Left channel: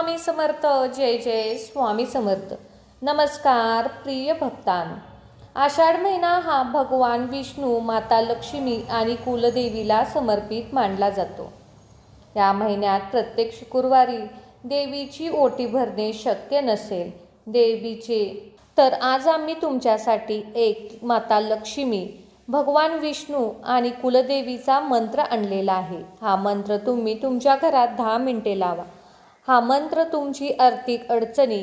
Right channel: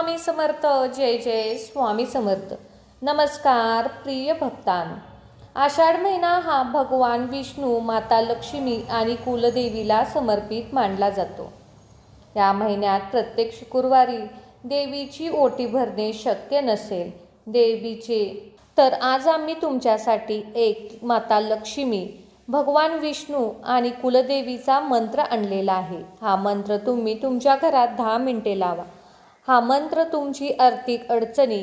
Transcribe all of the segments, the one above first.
स्वामी समर्थ. जय जय स्वामी समर्थ. नमस्कार प्रिय भक्तांनो. आषाढ महिना हा भगवान विष्णू, माता लक्ष्मी आणि कुलदेवीला समर्पित मानला जातो. या महिन्यात प्रत्येक शुक्रवारी देवीची ओटी भरणे शक्य नसेल देवीचे, तर आज आम्ही तुमच्यासाठी एक माता लक्ष्मी, भगवान विष्णू आणि कुलदेवीचा मंत्र आणलेला आहे. हा मंत्र तुम्ही तुमच्या घरात 10 मिनिटे लावा. हा मंत्र तुमची आर्थिक अडचणी,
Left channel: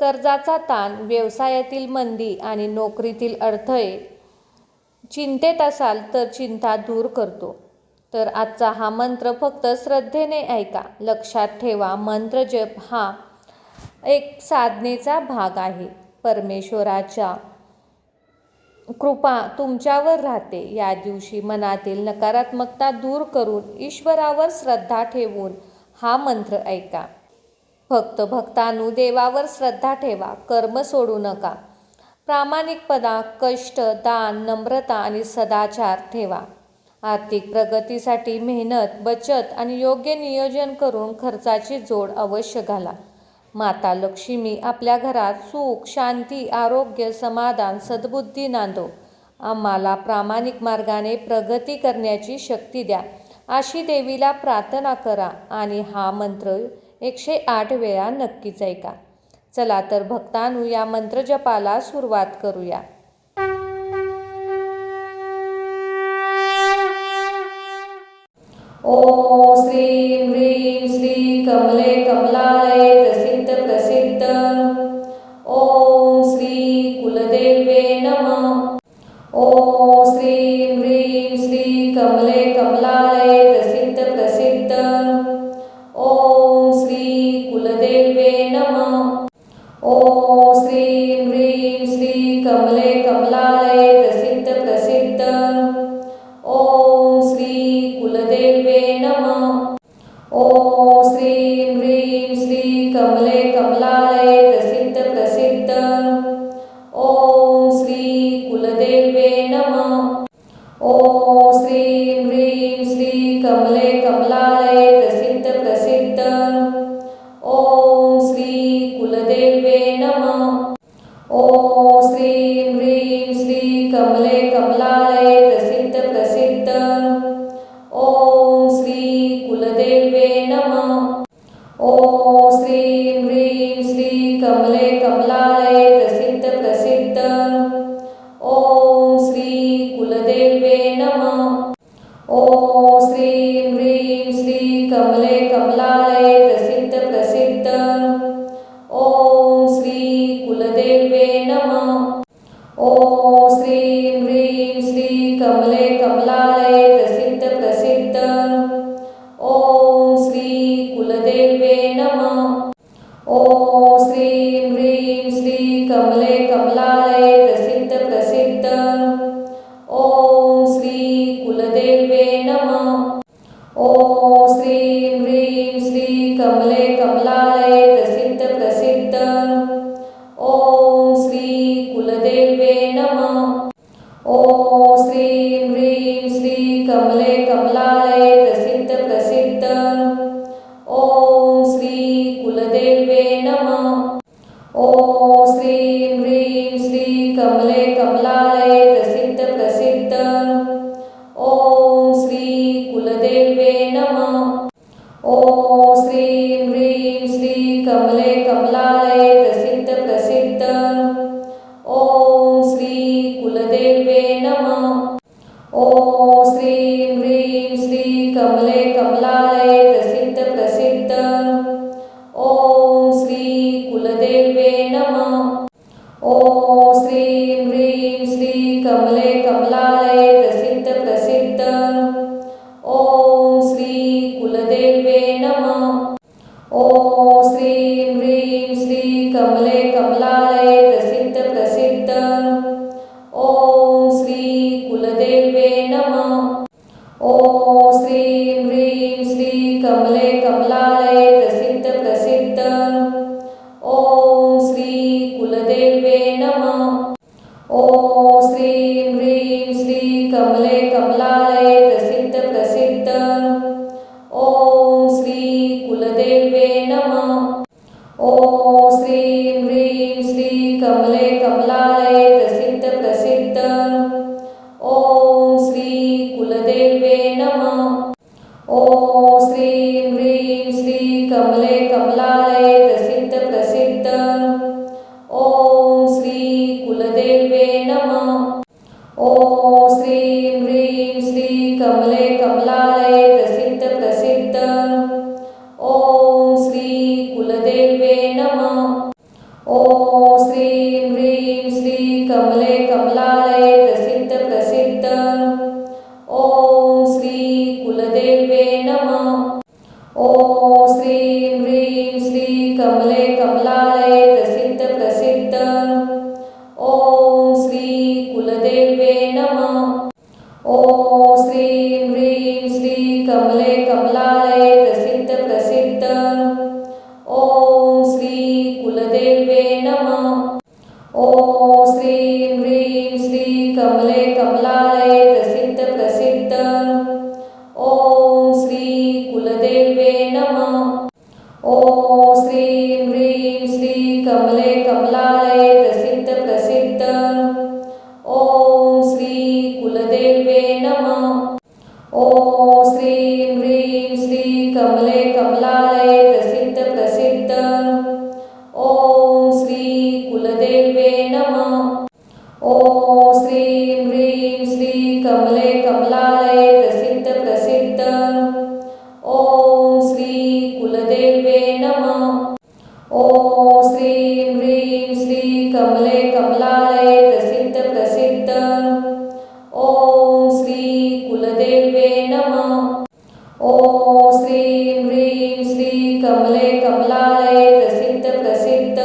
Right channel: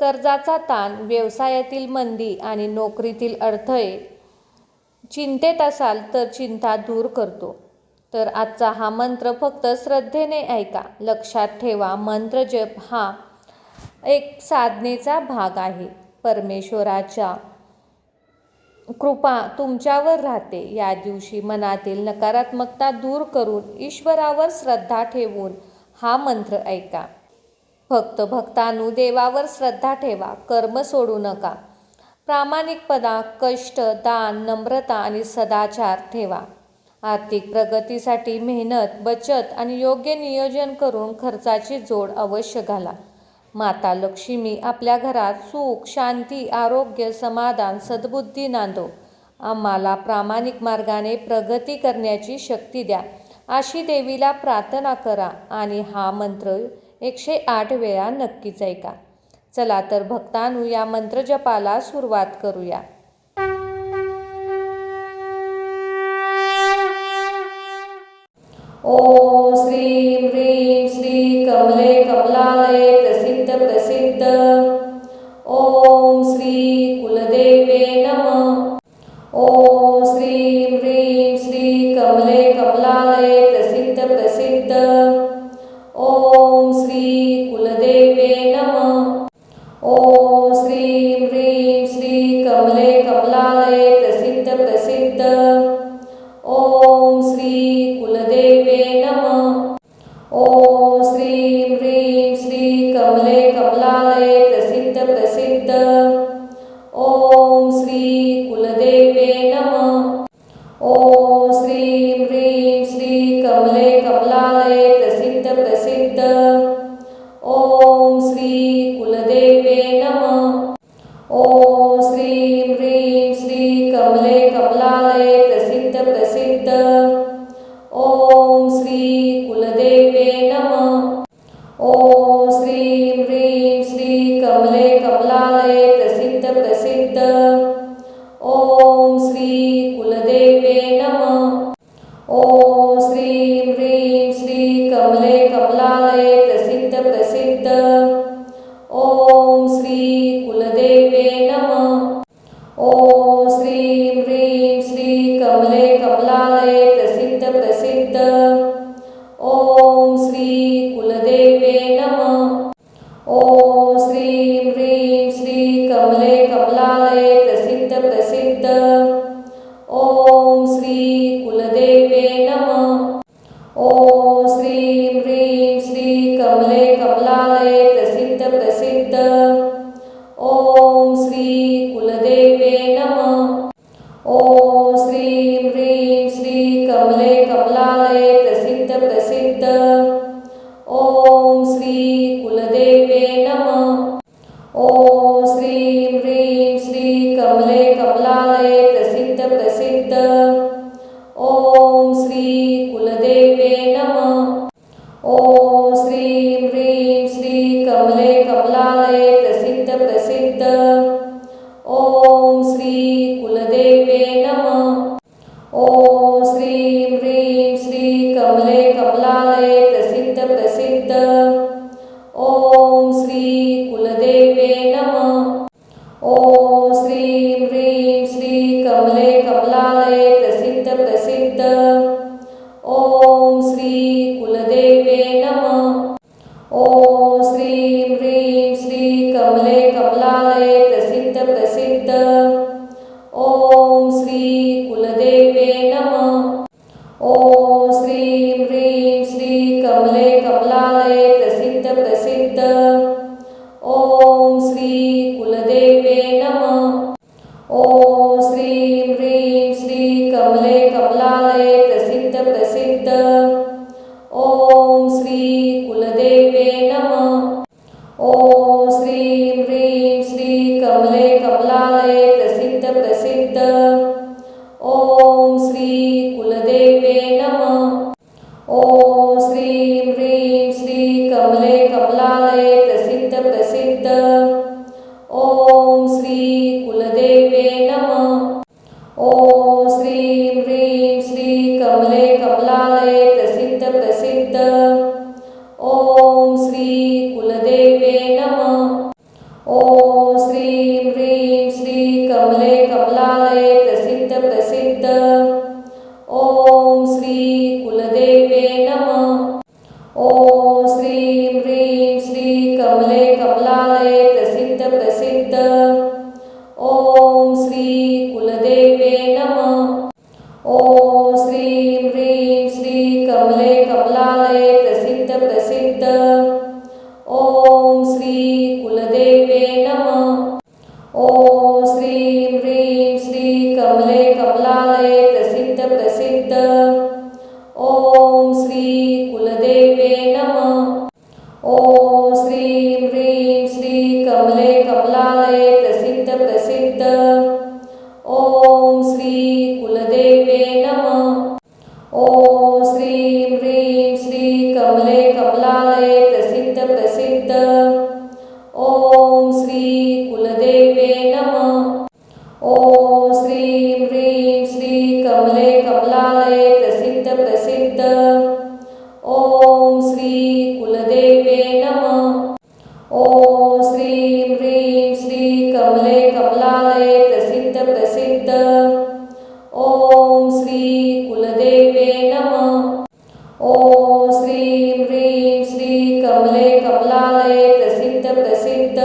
कर्जाचा ताण, व्यवसायातील मंदी आणि नोकरीतील अडथळे, चिंतेत असाल तर चिंता दूर करतो. तर आजचा हा मंत्र फक्त श्रद्धेने ऐका. लक्षात ठेवा, मंत्र जप हा एक साधनेचा भाग आहे. परमेश्वराच्या कृपा तुमच्यावर राहते. या दिवशी मनातील नकारात्मकता दूर करून ईश्वरावर श्रद्धा ठेवून हा मंत्र ऐका. फक्त भक्तांनो, देवावर श्रद्धा ठेवा, कर्म सोडू नका. प्रामाणिकपणा, कष्ट, दान, नम्रता आणि सदाचार ठेवा. आर्थिक प्रगतीसाठी मेहनत, बचत आणि योग्य नियोजन करून खर्चाची जोड अवश्य घाला. माता लक्ष्मी आपल्या घरात सुख, शांती, आरोग्य, समाधान, सद्बुद्धी नांदो. आम्हाला प्रामाणिक मार्गाने प्रगती करण्याची शक्ती द्या, अशी देवीला प्रार्थना करा आणि हा मंत्र 108 वेळा नक्कीच ऐका. चला तर भक्तांनो, या मंत्रजपाला सुरुवात करूया. ओम श्रीं ह्रीं श्री कमले कमलालये प्रसिद्ध प्रसिद्ध. ओम श्री कुलदेवे नमः. ओम श्रीं ह्रीं श्री कमले कमलालये प्रसिद्ध प्रसिद्ध. ओम श्री कुलदेवे नमः. ओम श्रीं ह्रीं श्री कमले कमलालये प्रसिद्ध प्रसिद्ध. ओम श्री कुलदेवे नमः. ओम श्रीं ह्रीं श्री कमले कमलालये प्रसिद्ध प्रसिद्ध. ओम श्री कुलदेवे नमः. ओम श्रीं ह्रीं श्री कमले कमलालये प्रसिद्ध प्रसिद्ध. ओम श्री कुलदेवे नमः. ओम श्रीं ह्रीं श्री कमले कमलालये प्रसिद्ध प्रसिद्ध. ओम श्री कुलदेवे नमः. ओम श्रीं ह्रीं श्री कमले कमलालये प्रसिद्ध प्रसिद्ध. ओम श्री कुलदेवे नमः. ओम श्रीं ह्रीं श्री कमले कमलालये प्रसिद्ध प्रसिद्ध. ओम श्री कुलदेवे नमः. ओम श्रीं ह्रीं श्री कमले कमलालये प्रसिद्ध प्रसिद्ध. ओम श्री कुलदेवे नमः. ओम श्रीं ह्रीं श्री कमले कमलालये प्रसिद्ध प्रसिद्ध. ओम श्री कुलदेवे नमः. ओम श्रीं ह्रीं श्री कमले कमलालये प्रसिद्ध प्रसिद्ध. ओम श्री कुलदेवे नमः. ओम श्रीं ह्रीं श्री कमले कमलालये प्रसिद्ध प्रसिद्ध. ओम श्री कुलदेवे नमः. ओम श्रीं ह्रीं श्री कमले कमलालये प्रसिद्ध प्रसिद्ध. ओम श्री कुलदेवे नमः. ओम श्रीं ह्रीं श्री कमले कमलालये प्रसिद्ध प्रसिद्ध. ओम श्री कुलदेवे नमः. ओम श्रीं ह्रीं श्री कमले कमलालये प्रसिद्ध प्रसिद्ध. ओम श्री कुलदेवे नमः. ओम श्रीं ह्रीं श्री कमले कमलालये प्रसिद्ध प्रसिद्ध. ओम श्री कुलदेवे नमः. ओम श्रीं ह्रीं श्री कमले कमलालये प्रसिद्ध प्रसिद्ध. ओम श्री कुलदेवे नमः. ओम श्रीं ह्रीं श्री कमले कमलालये प्रसिद्ध प्रसिद्ध. ओम श्री कुलदेवे नमः. ओम श्रीं ह्रीं श्री कमले कमलालये प्रसिद्ध प्रसिद्ध. ओम श्री कुलदेवे नमः. कुलदेवे नमः। ओम श्रीं ह्रीं श्री कमले कमलालये प्रसिद्ध प्रसिद्ध। ओम श्री कुलदेवे नमः। ओम श्रीं ह्रीं श्री कमले कमलालये प्रसिद्ध प्रसिद्ध। ओम श्री कुलदेवे नमः। ओम श्रीं ह्रीं श्री कमले कमलालये प्रसिद्ध प्रसिद्ध। ओम श्री कुलदेवे नमः। ओम श्रीं ह्रीं श्री कमले कमलालये प्रसिद्ध प्रसिद्ध। ओम श्री कुलदेवे नमः। ओम श्रीं ह्रीं श्री कमले कमलालये प्रसिद्ध प्रसिद्ध। ओम श्री कुलदेवे नमः। ओम श्रीं ह्रीं श्री कमले कमलालये प्रसिद्ध प्रसिद्ध। ओम श्री कुलदेवे नमः। ओम श्रीं ह्रीं श्री कमले कमलालये प्रसिद्ध प्रसिद्ध। ओम श्री कुलदेवे नमः। ओम श्रीं ह्रीं श्री कमले कमलालये प्रसिद्ध प्रसिद्ध। ओम श्री कुलदेवे नमः। ओम श्रीं ह्रीं श्री कमले कमलालये प्रसिद्ध प्रसिद्ध। ओम श्री कुलदेवे नमः। ओम श्रीं ह्रीं श्री कमले कमलालये प्रसिद्ध प्रसिद्ध। ओम श्री कुलदेवे नमः। ओम श्रीं ह्रीं श्री कमले कमलालये प्रसिद्ध प्रसिद्ध।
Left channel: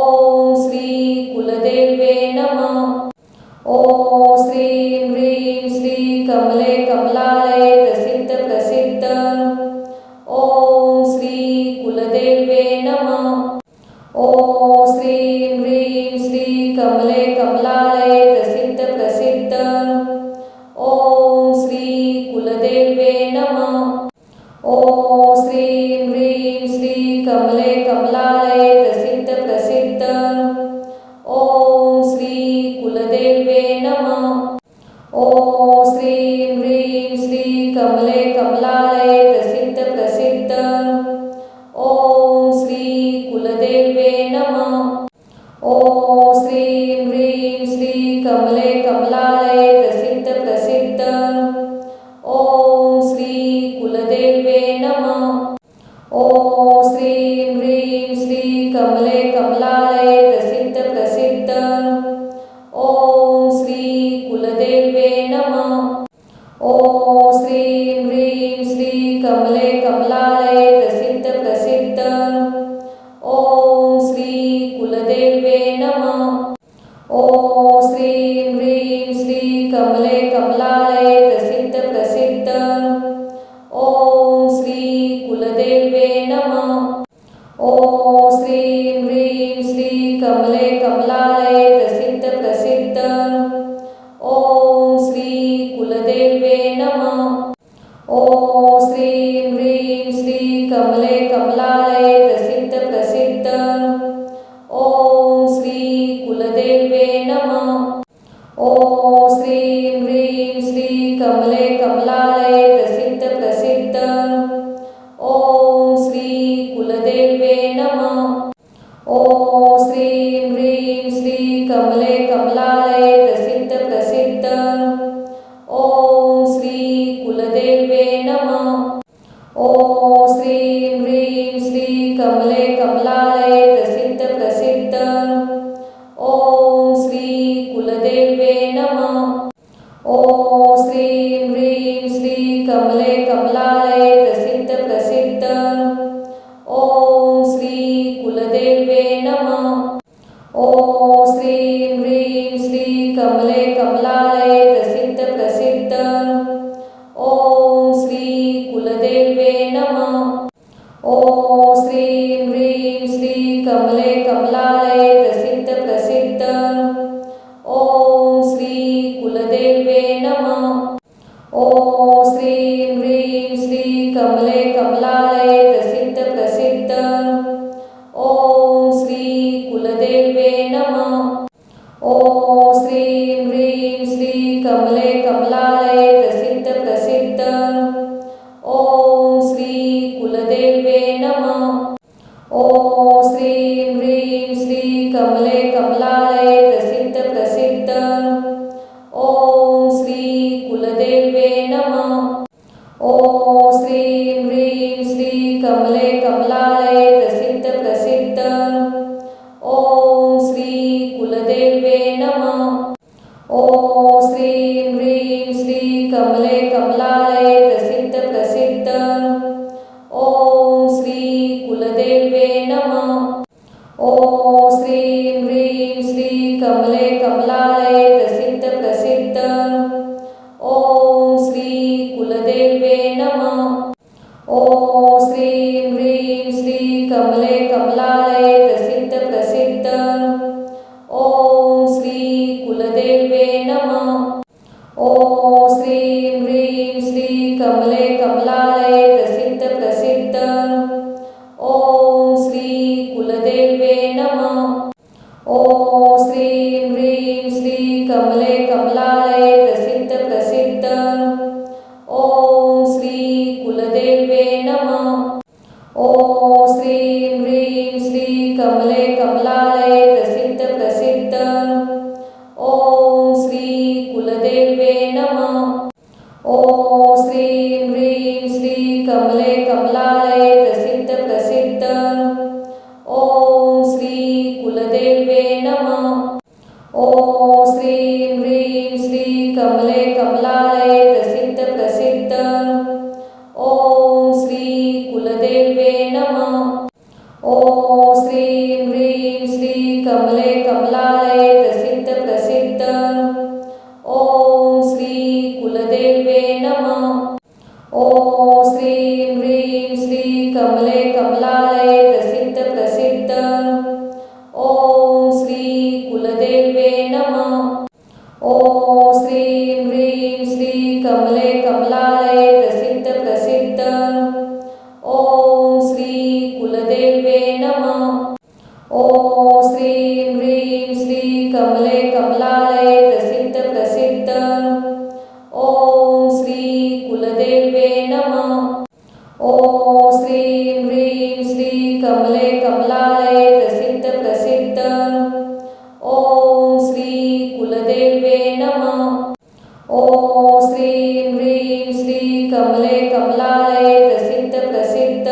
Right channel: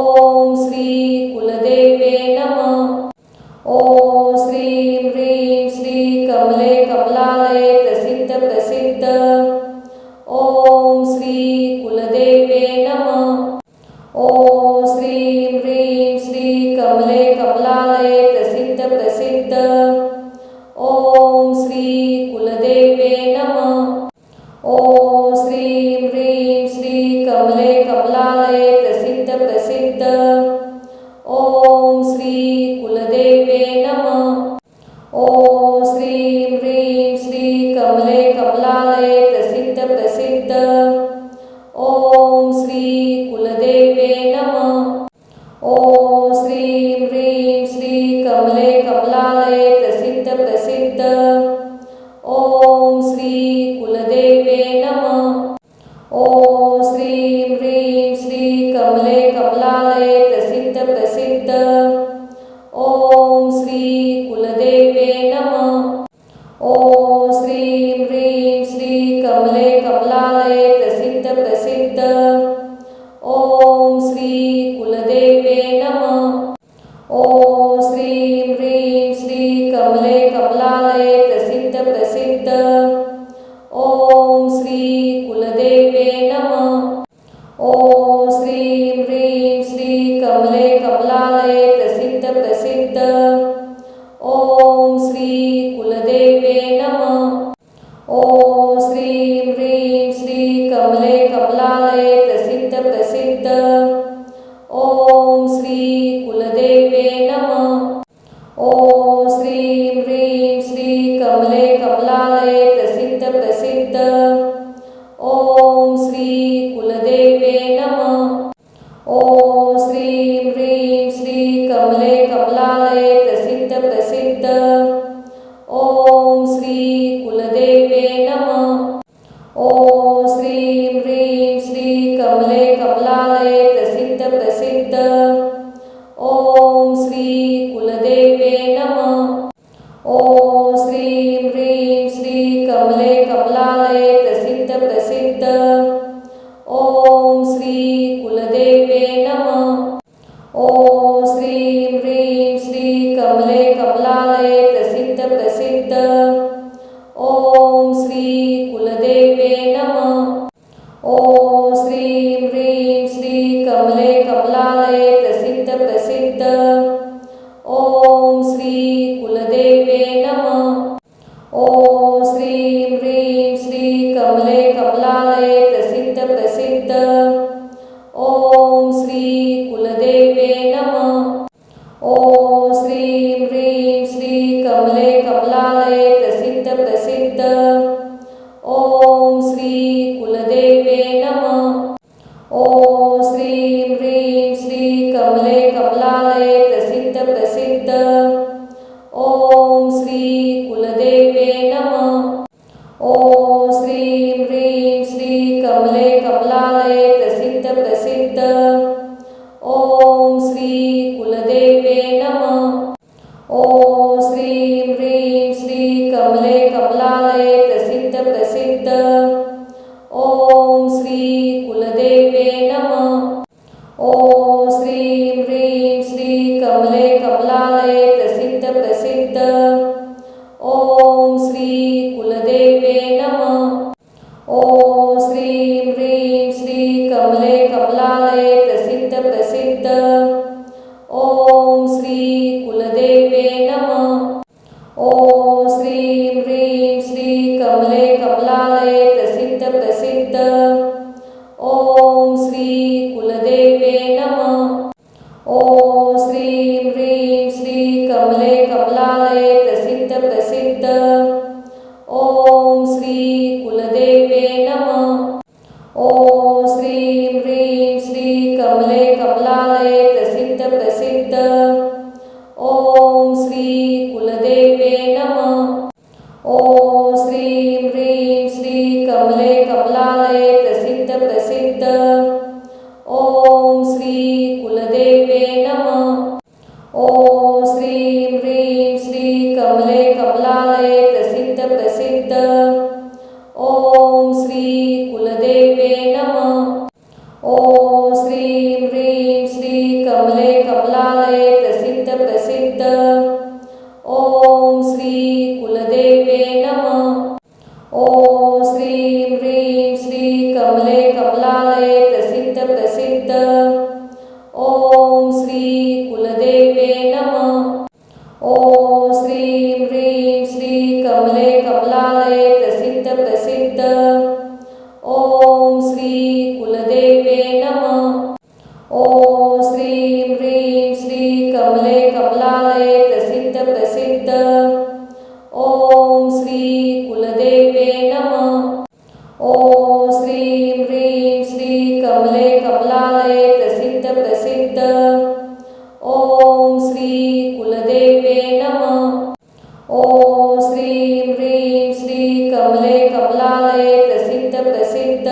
ओम श्री कुलदेवे नमः। ओम श्रीं ह्रीं श्री कमले कमलालये प्रसिद्ध प्रसिद्ध। ओम श्री कुलदेवे नमः। ओम श्रीं ह्रीं श्री कमले कमलालये प्रसिद्ध प्रसिद्ध। ओम श्री कुलदेवे नमः। ओम श्रीं ह्रीं श्री कमले कमलालये प्रसिद्ध प्रसिद्ध। ओम श्री कुलदेवे नमः। ओम श्रीं ह्रीं श्री कमले कमलालये प्रसिद्ध प्रसिद्ध। ओम श्री कुलदेवे नमः। ओम श्रीं ह्रीं श्री कमले कमलालये प्रसिद्ध प्रसिद्ध। ओम श्री कुलदेवे नमः। ओम श्रीं ह्रीं श्री कमले कमलालये प्रसिद्ध प्रसिद्ध। ओम श्री कुलदेवे नमः। ओम श्रीं ह्रीं श्री कमले कमलालये प्रसिद्ध प्रसिद्ध। ओम श्री कुलदेवे नमः। ओम श्रीं ह्रीं श्री कमले कमलालये प्रसिद्ध प्रसिद्ध। ओम श्री कुलदेवे नमः। ओम श्रीं ह्रीं श्री कमले कमलालये प्रसिद्ध प्रसिद्ध। ओम श्री कुलदेवे नमः। ओम श्रीं ह्रीं श्री कमले कमलालये प्रसिद्ध प्रसिद्ध। ओम श्री कुलदेवे नमः। ओम श्रीं ह्रीं श्री कमले कमलालये प्रसिद्ध प्रसिद्ध। ओम श्री कुलदेवे नमः। ओम श्रीं ह्रीं श्री कमले कमलालये प्रसिद्ध प्रसिद्ध। ओम श्री कुलदेवे नमः। ओम श्रीं ह्रीं श्री कमले कमलालये प्रसिद्ध प्रसिद्ध। ओम श्री कुलदेवे नमः। ओम श्रीं ह्रीं श्री कमले कमलालये प्रसिद्ध प्रसिद्ध। ओम श्री कुलदेवे नमः। ओम श्रीं ह्रीं श्री कमले कमलालये प्रसिद्ध प्रसिद्ध। ओम श्री कुलदेवे नमः। ओम श्रीं ह्रीं श्री कमले कमलालये प्रसिद्ध प्रसिद्ध। ओम श्री कुलदेवे नमः। ओम श्रीं ह्रीं श्री कमले कमलालये प्रसिद्ध प्रसिद्ध। ओम श्री कुलदेवे नमः। ओम श्रीं ह्रीं श्री कमले कमलालये कमलालये प्रसिद्ध प्रसिद्ध। ओम श्री कुलदेवे नमः। ओम श्रीं ह्रीं श्री कमले कमलालये प्रसिद्ध प्रसिद्ध। ओम श्री कुलदेवे नमः। ओम श्रीं ह्रीं श्री कमले कमलालये प्रसिद्ध प्रसिद्ध। ओम श्री कुलदेवे नमः। ओम श्रीं ह्रीं श्री कमले कमलालये प्रसिद्ध प्रसिद्ध। ओम श्री कुलदेवे नमः। ओम श्रीं ह्रीं श्री कमले कमलालये प्रसिद्ध प्रसिद्ध। ओम श्री कुलदेवे नमः। ओम श्रीं ह्रीं श्री कमले कमलालये प्रसिद्ध प्रसिद्ध। ओम श्री कुलदेवे नमः। ओम श्रीं ह्रीं श्री कमले कमलालये प्रसिद्ध प्रसिद्ध। ओम श्री कुलदेवे नमः। ओम श्रीं ह्रीं श्री कमले कमलालये प्रसिद्ध प्रसिद्ध। ओम श्री कुलदेवे नमः। ओम श्रीं ह्रीं श्री कमले कमलालये प्रसिद्ध प्रसिद्ध। ओम श्री कुलदेवे नमः। ओम श्रीं ह्रीं श्री कमले कमलालये प्रसिद्ध प्रसिद्ध। ओम श्री कुलदेवे नमः। ओम श्रीं ह्रीं श्री कमले कमलालये प्रसिद्ध प्रसिद्ध। ओम श्री कुलदेवे नमः। ओम श्रीं ह्रीं श्री कमले कमलालये प्रसिद्ध प्रसिद्ध। ओम श्री कुलदेवे नमः। ओम श्रीं ह्रीं श्री कमले कमलालये प्रसिद्ध प्रसिद्ध। ओम श्री कुलदेवे नमः। ओम श्रीं ह्रीं श्री कमले कमलालये प्रसिद्ध प्रसिद्ध। ओम श्री कुलदेवे नमः। ओम श्रीं ह्रीं श्री कमले कमलालये प्रसिद्ध प्रसिद्ध। ओम श्री कुलदेवे नमः। ओम श्रीं ह्रीं श्री कमले कमलालये प्रसिद्ध प्रसिद्ध। ओम श्री कुलदेवे नमः। ओम श्रीं ह्रीं श्री कमले कमलालये प्रसिद्ध प्रसिद्ध।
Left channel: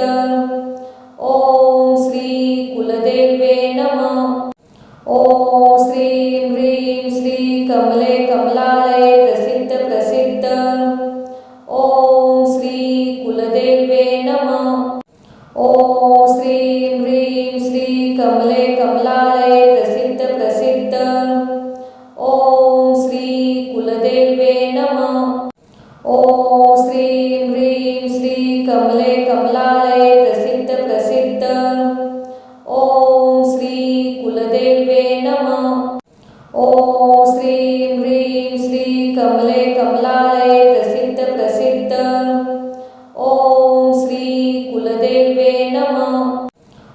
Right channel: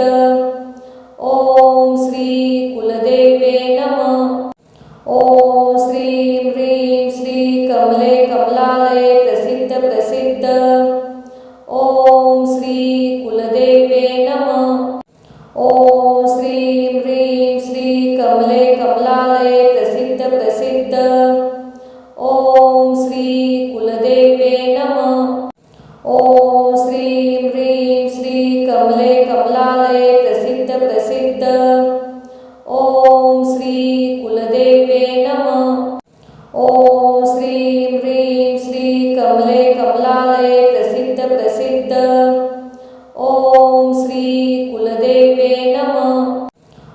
ओम श्री कुलदेवे नमः। ओम श्रीं ह्रीं श्री कमले कमलालये प्रसिद्ध प्रसिद्ध। ओम श्री कुलदेवे नमः। ओम श्रीं ह्रीं श्री कमले कमलालये प्रसिद्ध प्रसिद्ध। ओम श्री कुलदेवे नमः। ओम श्रीं ह्रीं श्री कमले कमलालये प्रसिद्ध प्रसिद्ध। ओम श्री कुलदेवे नमः। ओम श्रीं ह्रीं श्री कमले कमलालये प्रसिद्ध प्रसिद्ध। ओम श्री कुलदेवे नमः।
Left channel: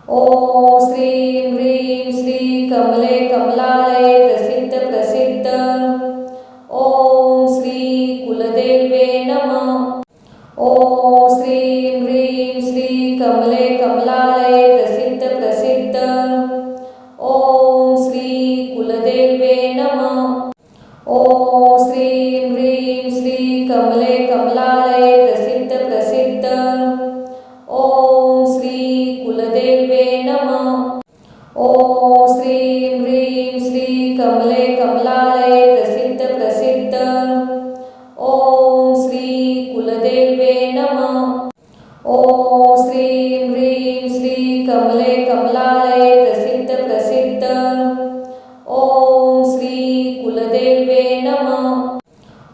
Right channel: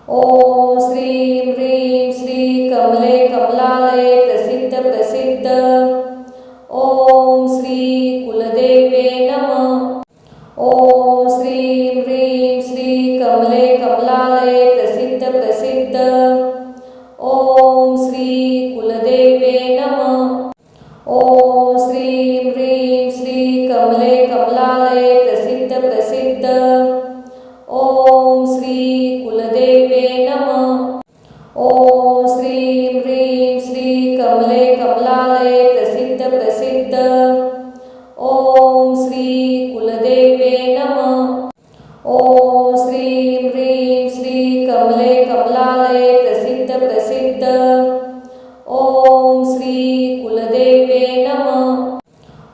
ओम श्रीं ह्रीं श्री कमले कमलालये प्रसिद्ध प्रसिद्ध। ओम श्री कुलदेवे नमः। ओम श्रीं ह्रीं श्री कमले कमलालये प्रसिद्ध प्रसिद्ध। ओम श्री कुलदेवे नमः। ओम श्रीं ह्रीं श्री कमले कमलालये प्रसिद्ध प्रसिद्ध। ओम श्री कुलदेवे नमः। ओम श्रीं ह्रीं श्री कमले कमलालये प्रसिद्ध प्रसिद्ध। ओम श्री कुलदेवे नमः। ओम श्रीं ह्रीं श्री कमले कमलालये प्रसिद्ध प्रसिद्ध। ओम श्री कुलदेवे नमः।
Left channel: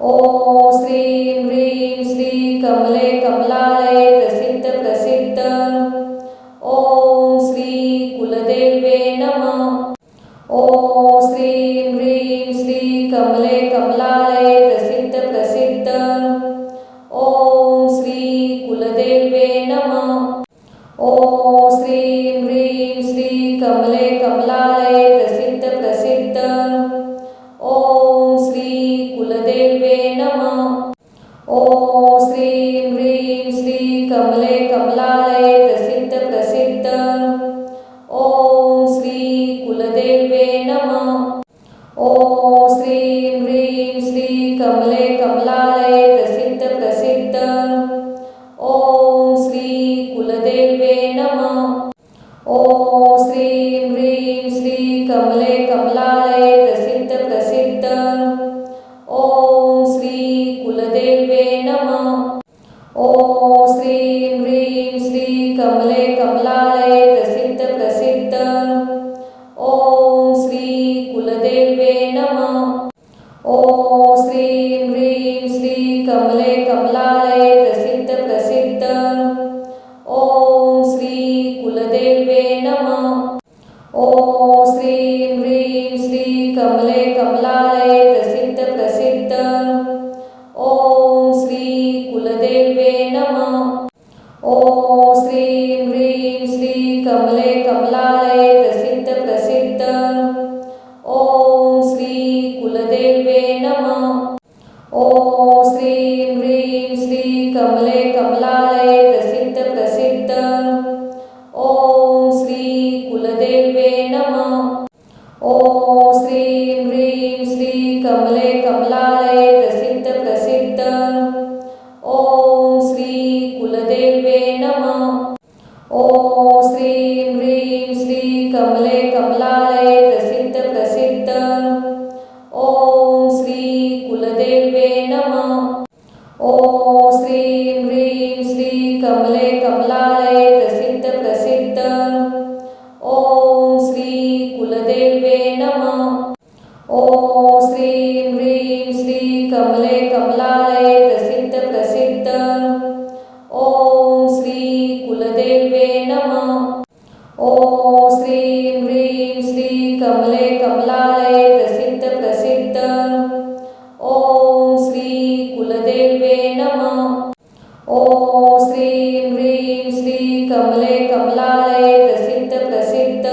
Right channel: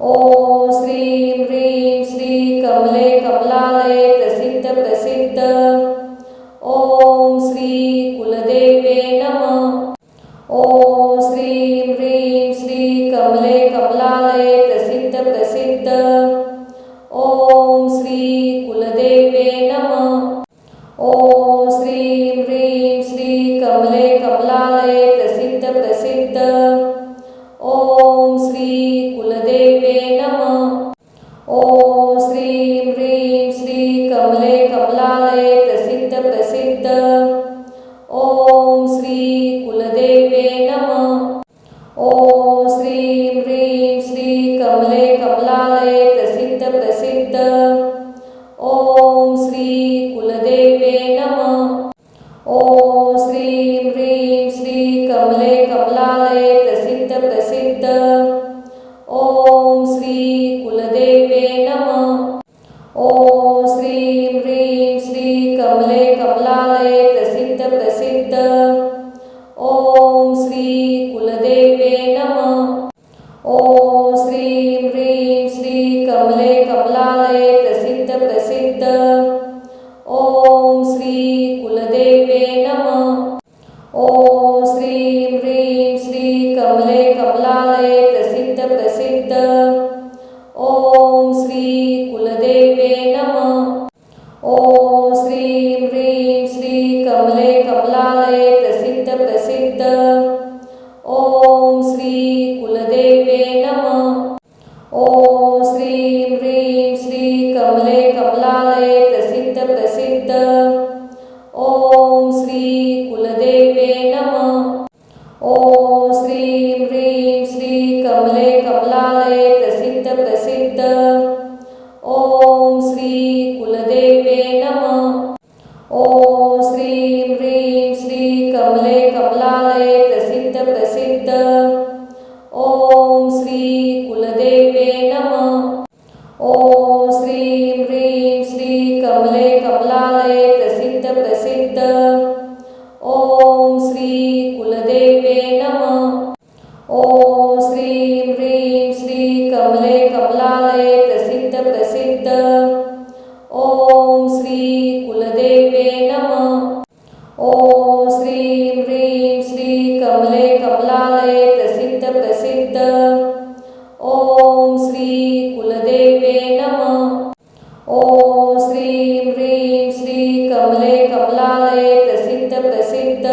ओम श्रीं ह्रीं श्री कमले कमलालये प्रसिद्ध प्रसिद्ध। ओम श्री कुलदेवे नमः। ओम श्रीं ह्रीं श्री कमले कमलालये प्रसिद्ध प्रसिद्ध। ओम श्री कुलदेवे नमः। ओम श्रीं ह्रीं श्री कमले कमलालये प्रसिद्ध प्रसिद्ध। ओम श्री कुलदेवे नमः। ओम श्रीं ह्रीं श्री कमले कमलालये प्रसिद्ध प्रसिद्ध। ओम श्री कुलदेवे नमः। ओम श्रीं ह्रीं श्री कमले कमलालये प्रसिद्ध प्रसिद्ध। ओम श्री कुलदेवे नमः। ओम श्रीं ह्रीं श्री कमले कमलालये प्रसिद्ध प्रसिद्ध। ओम श्री कुलदेवे नमः। ओम श्रीं ह्रीं श्री कमले कमलालये प्रसिद्ध प्रसिद्ध। ओम श्री कुलदेवे नमः। ओम श्रीं ह्रीं श्री कमले कमलालये प्रसिद्ध प्रसिद्ध। ओम श्री कुलदेवे नमः। ओम श्रीं ह्रीं श्री कमले कमलालये प्रसिद्ध प्रसिद्ध। ओम श्री कुलदेवे नमः। ओम श्रीं ह्रीं श्री कमले कमलालये प्रसिद्ध प्रसिद्ध। ओम श्री कुलदेवे नमः। ओम श्रीं ह्रीं श्री कमले कमलालये प्रसिद्ध प्रसिद्ध। ओम श्री कुलदेवे नमः। ओम श्रीं ह्रीं श्री कमले कमलालये प्रसिद्ध प्रसिद्ध। ओम श्री कुलदेवे नमः। ओम श्रीं ह्रीं श्री कमले कमलालये प्रसिद्ध प्रसिद्ध। ओम श्री कुलदेवे नमः। ओम श्रीं ह्रीं श्री कमले कमलालये प्रसिद्ध प्रसिद्ध। ओम श्री कुलदेवे नमः। ओम श्रीं ह्रीं श्री कमले कमलालये प्रसिद्ध प्रसिद्ध। ओम श्री कुलदेवे नमः। ओम श्रीं ह्रीं श्री कमले कमलालये प्रसिद्ध प्रसिद्ध। ओम श्री कुलदेवे नमः। ओम श्रीं ह्रीं श्री कमले कमलालये प्रसिद्ध प्रसिद्ध।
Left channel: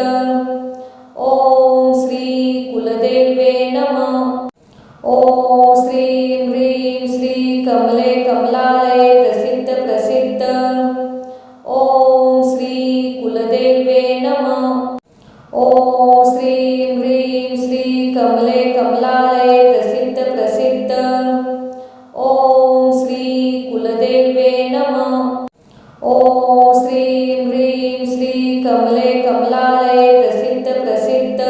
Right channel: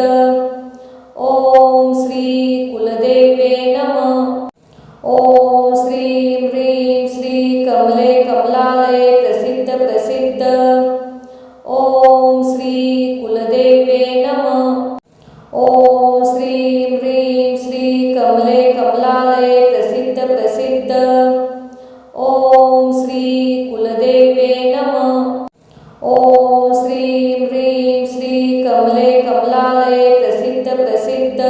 ओम श्री कुलदेवे नमः। ओम श्रीं ह्रीं श्री कमले कमलालये प्रसिद्ध प्रसिद्ध। ओम श्री कुलदेवे नमः। ओम श्रीं ह्रीं श्री कमले कमलालये प्रसिद्ध प्रसिद्ध। ओम श्री कुलदेवे नमः। ओम श्रीं ह्रीं श्री कमले कमलालये प्रसिद्ध प्रसिद्ध।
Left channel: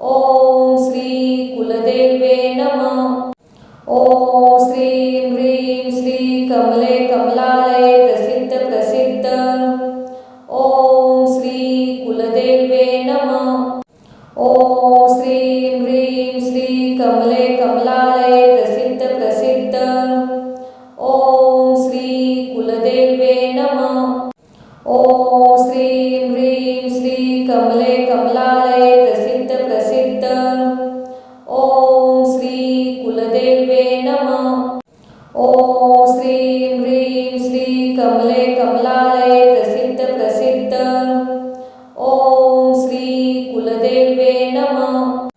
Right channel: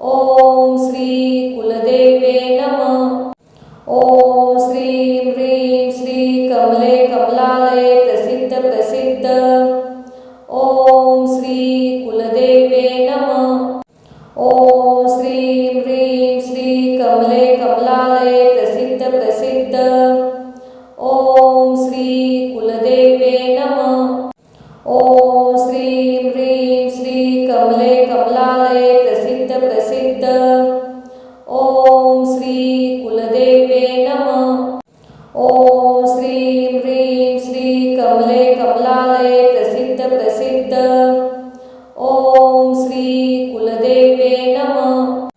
ओम श्री कुलदेवे नमः। ओम श्रीं ह्रीं श्री कमले कमलालये प्रसिद्ध प्रसिद्ध। ओम श्री कुलदेवे नमः। ओम श्रीं ह्रीं श्री कमले कमलालये प्रसिद्ध प्रसिद्ध। ओम श्री कुलदेवे नमः। ओम श्रीं ह्रीं श्री कमले कमलालये प्रसिद्ध प्रसिद्ध। ओम श्री कुलदेवे नमः। ओम श्रीं ह्रीं श्री कमले कमलालये प्रसिद्ध प्रसिद्ध। ओम श्री कुलदेवे नमः।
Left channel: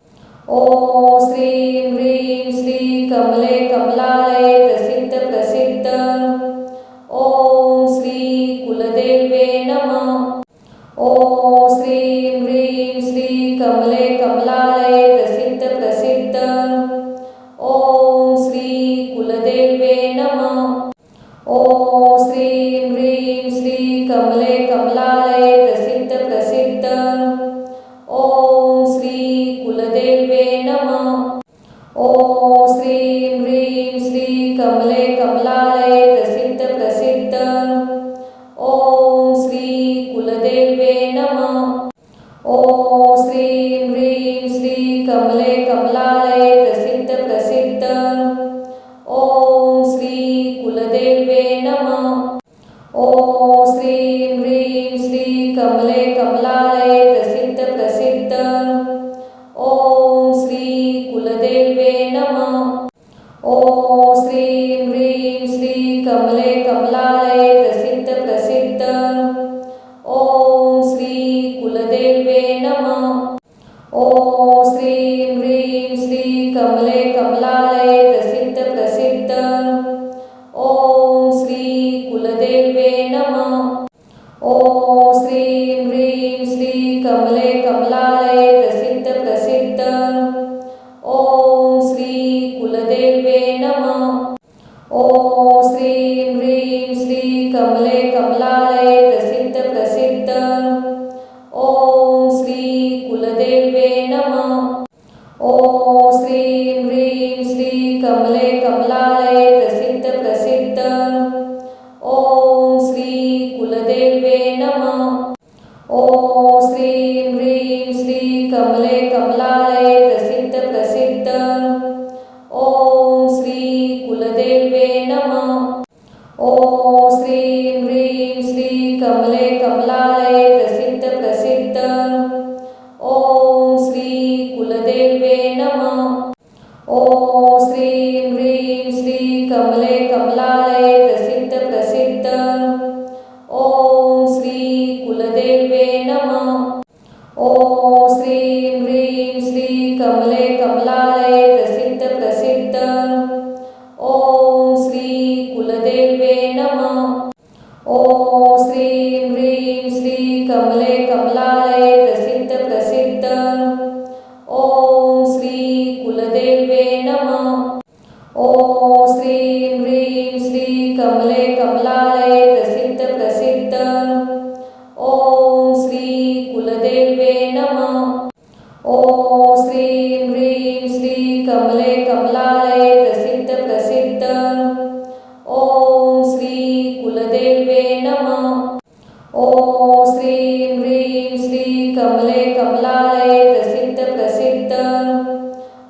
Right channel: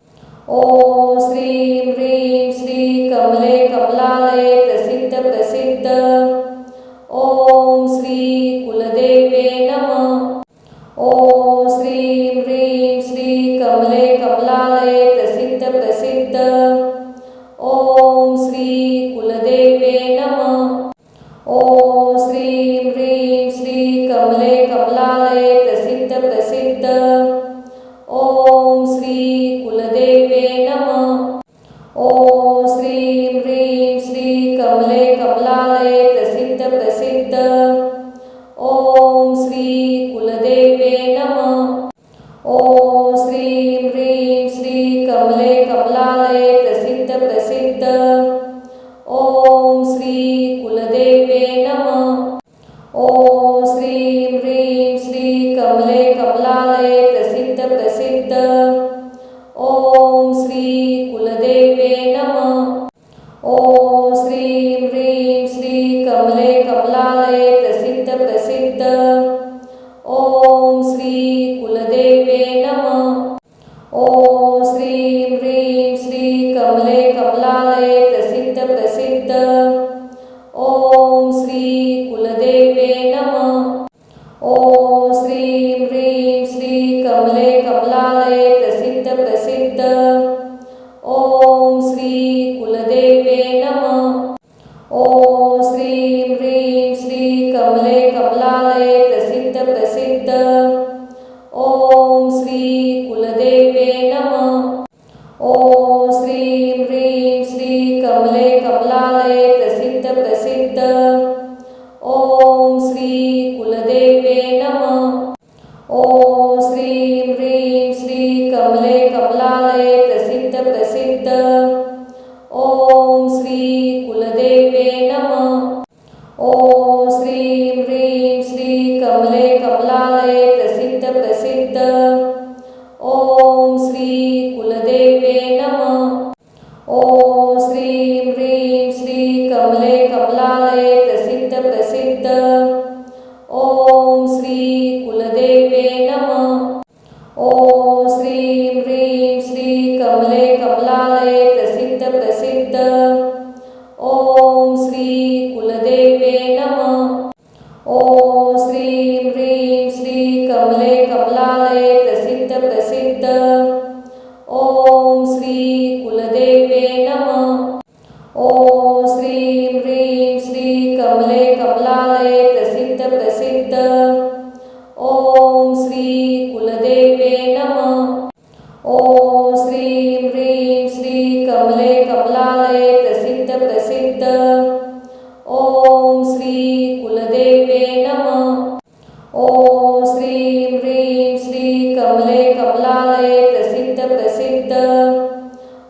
ओम श्रीं ह्रीं श्री कमले कमलालये प्रसिद्ध प्रसिद्ध। ओम श्री कुलदेवे नमः। ओम श्रीं ह्रीं श्री कमले कमलालये प्रसिद्ध प्रसिद्ध। ओम श्री कुलदेवे नमः। ओम श्रीं ह्रीं श्री कमले कमलालये प्रसिद्ध प्रसिद्ध। ओम श्री कुलदेवे नमः। ओम श्रीं ह्रीं श्री कमले कमलालये प्रसिद्ध प्रसिद्ध। ओम श्री कुलदेवे नमः। ओम श्रीं ह्रीं श्री कमले कमलालये प्रसिद्ध प्रसिद्ध। ओम श्री कुलदेवे नमः। ओम श्रीं ह्रीं श्री कमले कमलालये प्रसिद्ध प्रसिद्ध। ओम श्री कुलदेवे नमः। ओम श्रीं ह्रीं श्री कमले कमलालये प्रसिद्ध प्रसिद्ध। ओम श्री कुलदेवे नमः। ओम श्रीं ह्रीं श्री कमले कमलालये प्रसिद्ध प्रसिद्ध। कमले कमलालये प्रसिद्ध प्रसिद्ध। ओम श्री कुलदेवे नमः। ओम श्रीं ह्रीं श्री कमले कमलालये प्रसिद्ध प्रसिद्ध। ओम श्री कुलदेवे नमः। ओम श्रीं ह्रीं श्री कमले कमलालये प्रसिद्ध प्रसिद्ध। ओम श्री कुलदेवे नमः। ओम श्रीं ह्रीं श्री कमले कमलालये प्रसिद्ध प्रसिद्ध। ओम श्री कुलदेवे नमः। ओम श्रीं ह्रीं श्री कमले कमलालये प्रसिद्ध प्रसिद्ध। ओम श्री कुलदेवे नमः। ओम श्रीं ह्रीं श्री कमले कमलालये प्रसिद्ध प्रसिद्ध। ओम श्री कुलदेवे नमः। ओम श्रीं ह्रीं श्री कमले कमलालये प्रसिद्ध प्रसिद्ध। ओम श्री कुलदेवे नमः। ओम श्रीं ह्रीं श्री कमले कमलालये प्रसिद्ध प्रसिद्ध। ओम श्री कुलदेवे नमः। ओम श्रीं ह्रीं श्री कमले कमलालये प्रसिद्ध प्रसिद्ध। ओम श्री कुलदेवे नमः। ओम श्रीं ह्रीं श्री कमले कमलालये प्रसिद्ध प्रसिद्ध।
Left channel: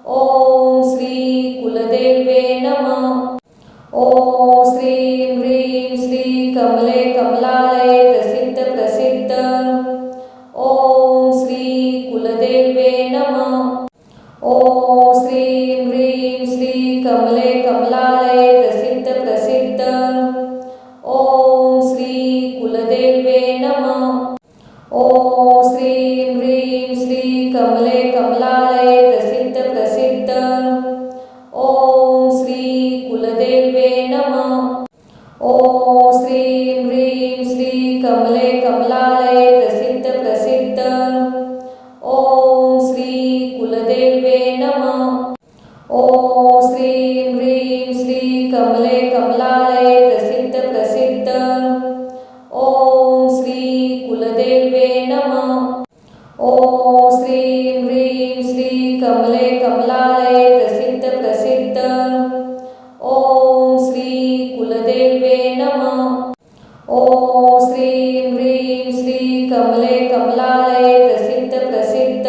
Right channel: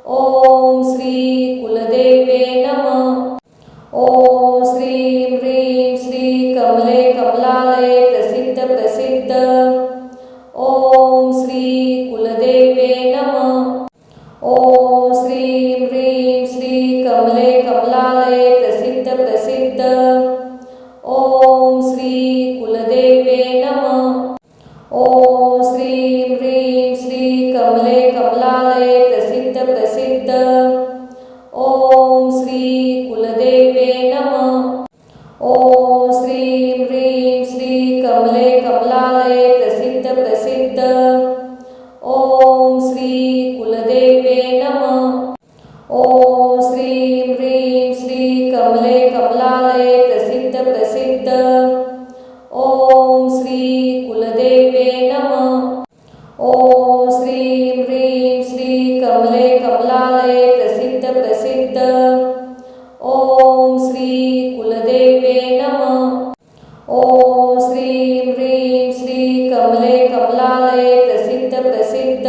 ओम श्री कुलदेवे नमः। ओम श्रीं ह्रीं श्री कमले कमलालये प्रसिद्ध प्रसिद्ध। ओम श्री कुलदेवे नमः। ओम श्रीं ह्रीं श्री कमले कमलालये प्रसिद्ध प्रसिद्ध। ओम श्री कुलदेवे नमः। ओम श्रीं ह्रीं श्री कमले कमलालये प्रसिद्ध प्रसिद्ध। ओम श्री कुलदेवे नमः। ओम श्रीं ह्रीं श्री कमले कमलालये प्रसिद्ध प्रसिद्ध। ओम श्री कुलदेवे नमः। ओम श्रीं ह्रीं श्री कमले कमलालये प्रसिद्ध प्रसिद्ध। ओम श्री कुलदेवे नमः। ओम श्रीं ह्रीं श्री कमले कमलालये प्रसिद्ध प्रसिद्ध। ओम श्री कुलदेवे नमः। ओम श्रीं ह्रीं श्री कमले कमलालये प्रसिद्ध प्रसिद्ध।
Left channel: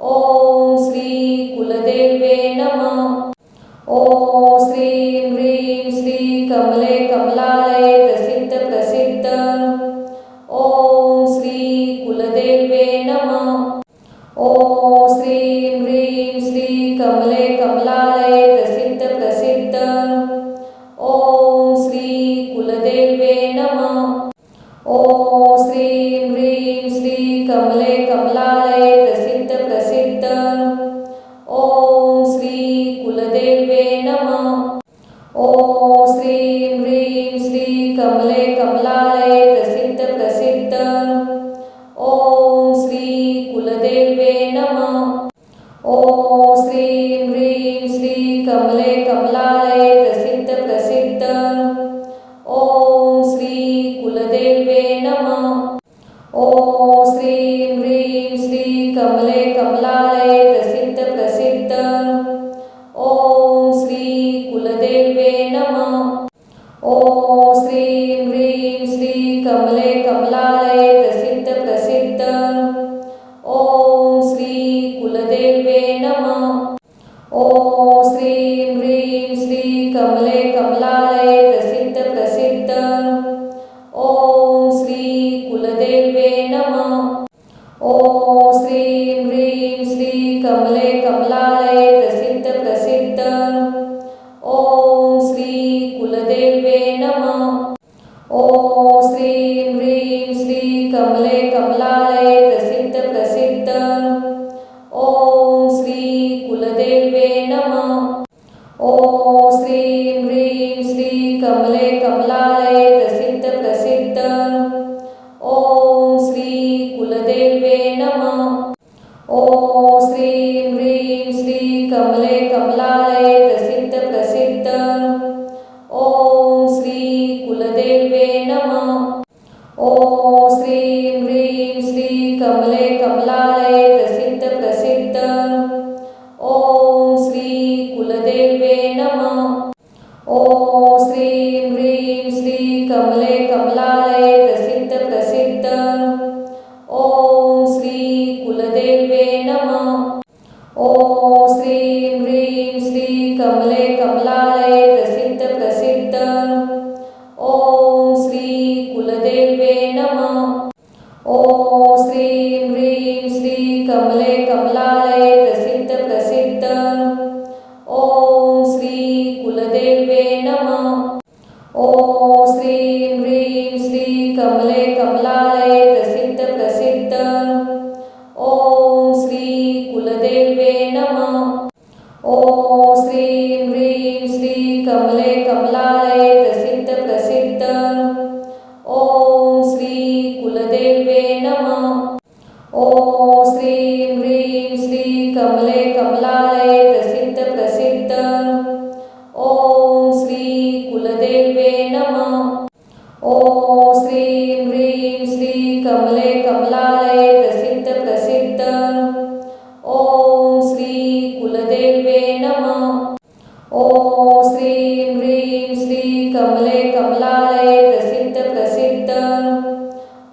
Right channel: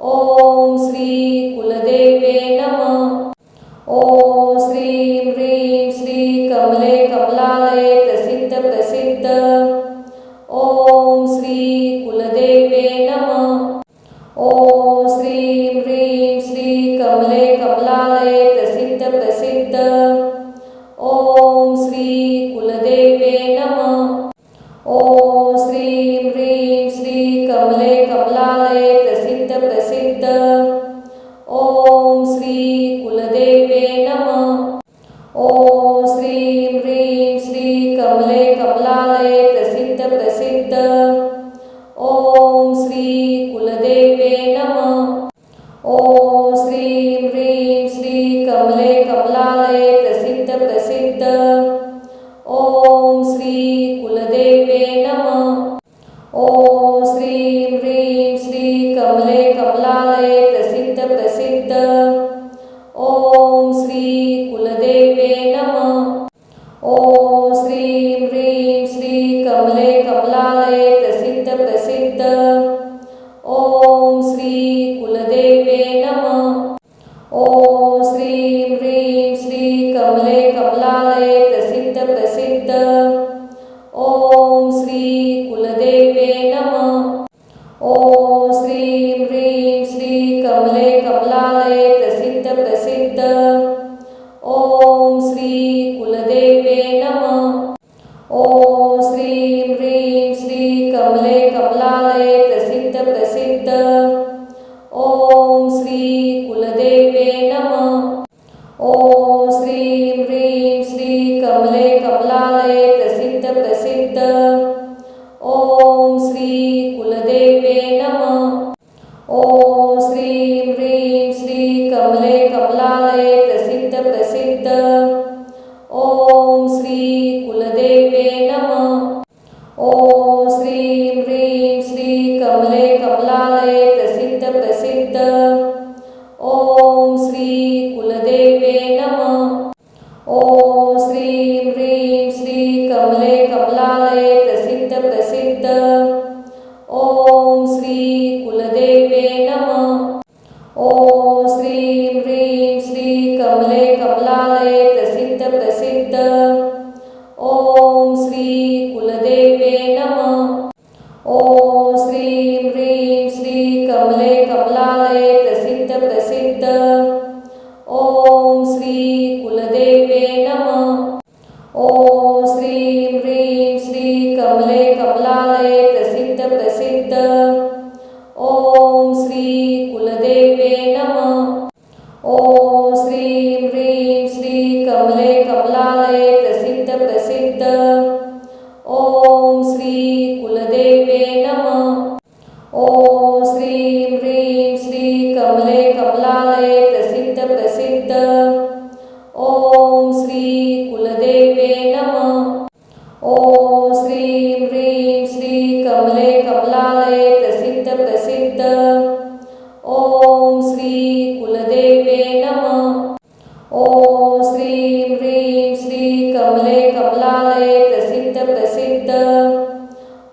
ओम श्री कुलदेवे नमः। ओम श्रीं ह्रीं श्री कमले कमलालये प्रसिद्ध प्रसिद्ध। ओम श्री कुलदेवे नमः। ओम श्रीं ह्रीं श्री कमले कमलालये प्रसिद्ध प्रसिद्ध। ओम श्री कुलदेवे नमः। ओम श्रीं ह्रीं श्री कमले कमलालये प्रसिद्ध प्रसिद्ध। ओम श्री कुलदेवे नमः। ओम श्रीं ह्रीं श्री कमले कमलालये प्रसिद्ध प्रसिद्ध। ओम श्री कुलदेवे नमः। ओम श्रीं ह्रीं श्री कमले कमलालये प्रसिद्ध प्रसिद्ध। ओम श्री कुलदेवे नमः। ओम श्रीं ह्रीं श्री कमले कमलालये प्रसिद्ध प्रसिद्ध। ओम श्री कुलदेवे नमः। ओम श्रीं ह्रीं श्री कमले कमलालये प्रसिद्ध प्रसिद्ध। ओम श्री कुलदेवे नमः। ओम श्रीं ह्रीं श्री कमले कमलालये प्रसिद्ध प्रसिद्ध। ओम श्री कुलदेवे नमः। ओम श्रीं ह्रीं श्री कमले कमलालये प्रसिद्ध प्रसिद्ध। ओम श्री कुलदेवे नमः। ओम श्रीं ह्रीं श्री कमले कमलालये प्रसिद्ध प्रसिद्ध। ओम श्री कुलदेवे नमः। ओम श्रीं ह्रीं श्री कमले कमलालये प्रसिद्ध प्रसिद्ध। ओम श्री कुलदेवे नमः। ओम श्रीं ह्रीं श्री कमले कमलालये प्रसिद्ध प्रसिद्ध। ओम श्री कुलदेवे श्रीं ह्रीं श्री कमले कमलालये प्रसिद्ध प्रसिद्ध। ओम श्री कुलदेवे नमः। ओम श्रीं ह्रीं श्री कमले कमलालये प्रसिद्ध प्रसिद्ध। ओम श्री कुलदेवे नमः। ओम श्रीं ह्रीं श्री कमले कमलालये प्रसिद्ध प्रसिद्ध। ओम श्री कुलदेवे नमः। ओम श्रीं ह्रीं श्री कमले कमलालये प्रसिद्ध प्रसिद्ध। ओम श्री कुलदेवे नमः। ओम श्रीं ह्रीं श्री कमले कमलालये प्रसिद्ध प्रसिद्ध। ओम श्री कुलदेवे नमः। ओम श्रीं ह्रीं श्री कमले कमलालये प्रसिद्ध प्रसिद्ध। ओम श्री कुलदेवे नमः। ओम श्रीं ह्रीं श्री कमले कमलालये प्रसिद्ध प्रसिद्ध। ओम श्री कुलदेवे नमः। ओम श्रीं ह्रीं श्री कमले कमलालये प्रसिद्ध प्रसिद्ध।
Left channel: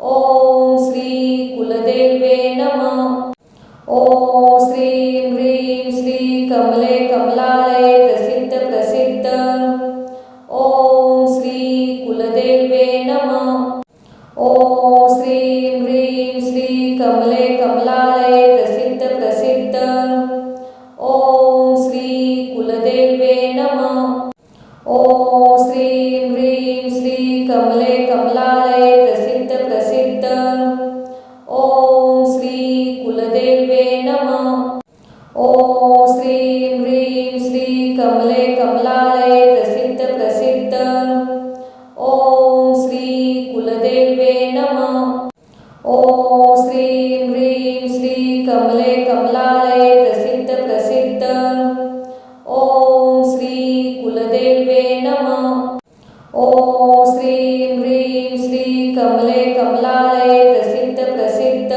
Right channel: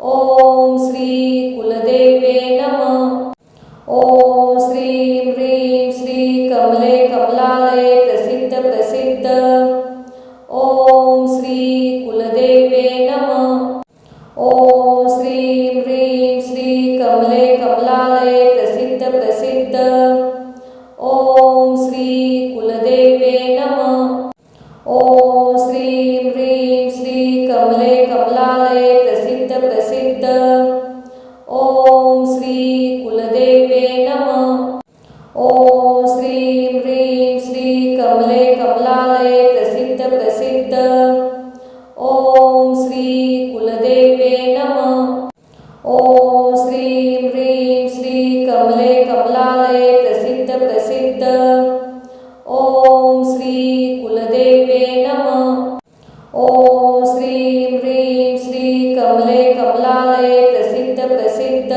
ओम श्री कुलदेवे नमः। ओम श्रीं ह्रीं श्री कमले कमलालये प्रसिद्ध प्रसिद्ध। ओम श्री कुलदेवे नमः। ओम श्रीं ह्रीं श्री कमले कमलालये प्रसिद्ध प्रसिद्ध। ओम श्री कुलदेवे नमः। ओम श्रीं ह्रीं श्री कमले कमलालये प्रसिद्ध प्रसिद्ध। ओम श्री कुलदेवे नमः। ओम श्रीं ह्रीं श्री कमले कमलालये प्रसिद्ध प्रसिद्ध। ओम श्री कुलदेवे नमः। ओम श्रीं ह्रीं श्री कमले कमलालये प्रसिद्ध प्रसिद्ध। ओम श्री कुलदेवे नमः। ओम श्रीं ह्रीं श्री कमले कमलालये प्रसिद्ध प्रसिद्ध।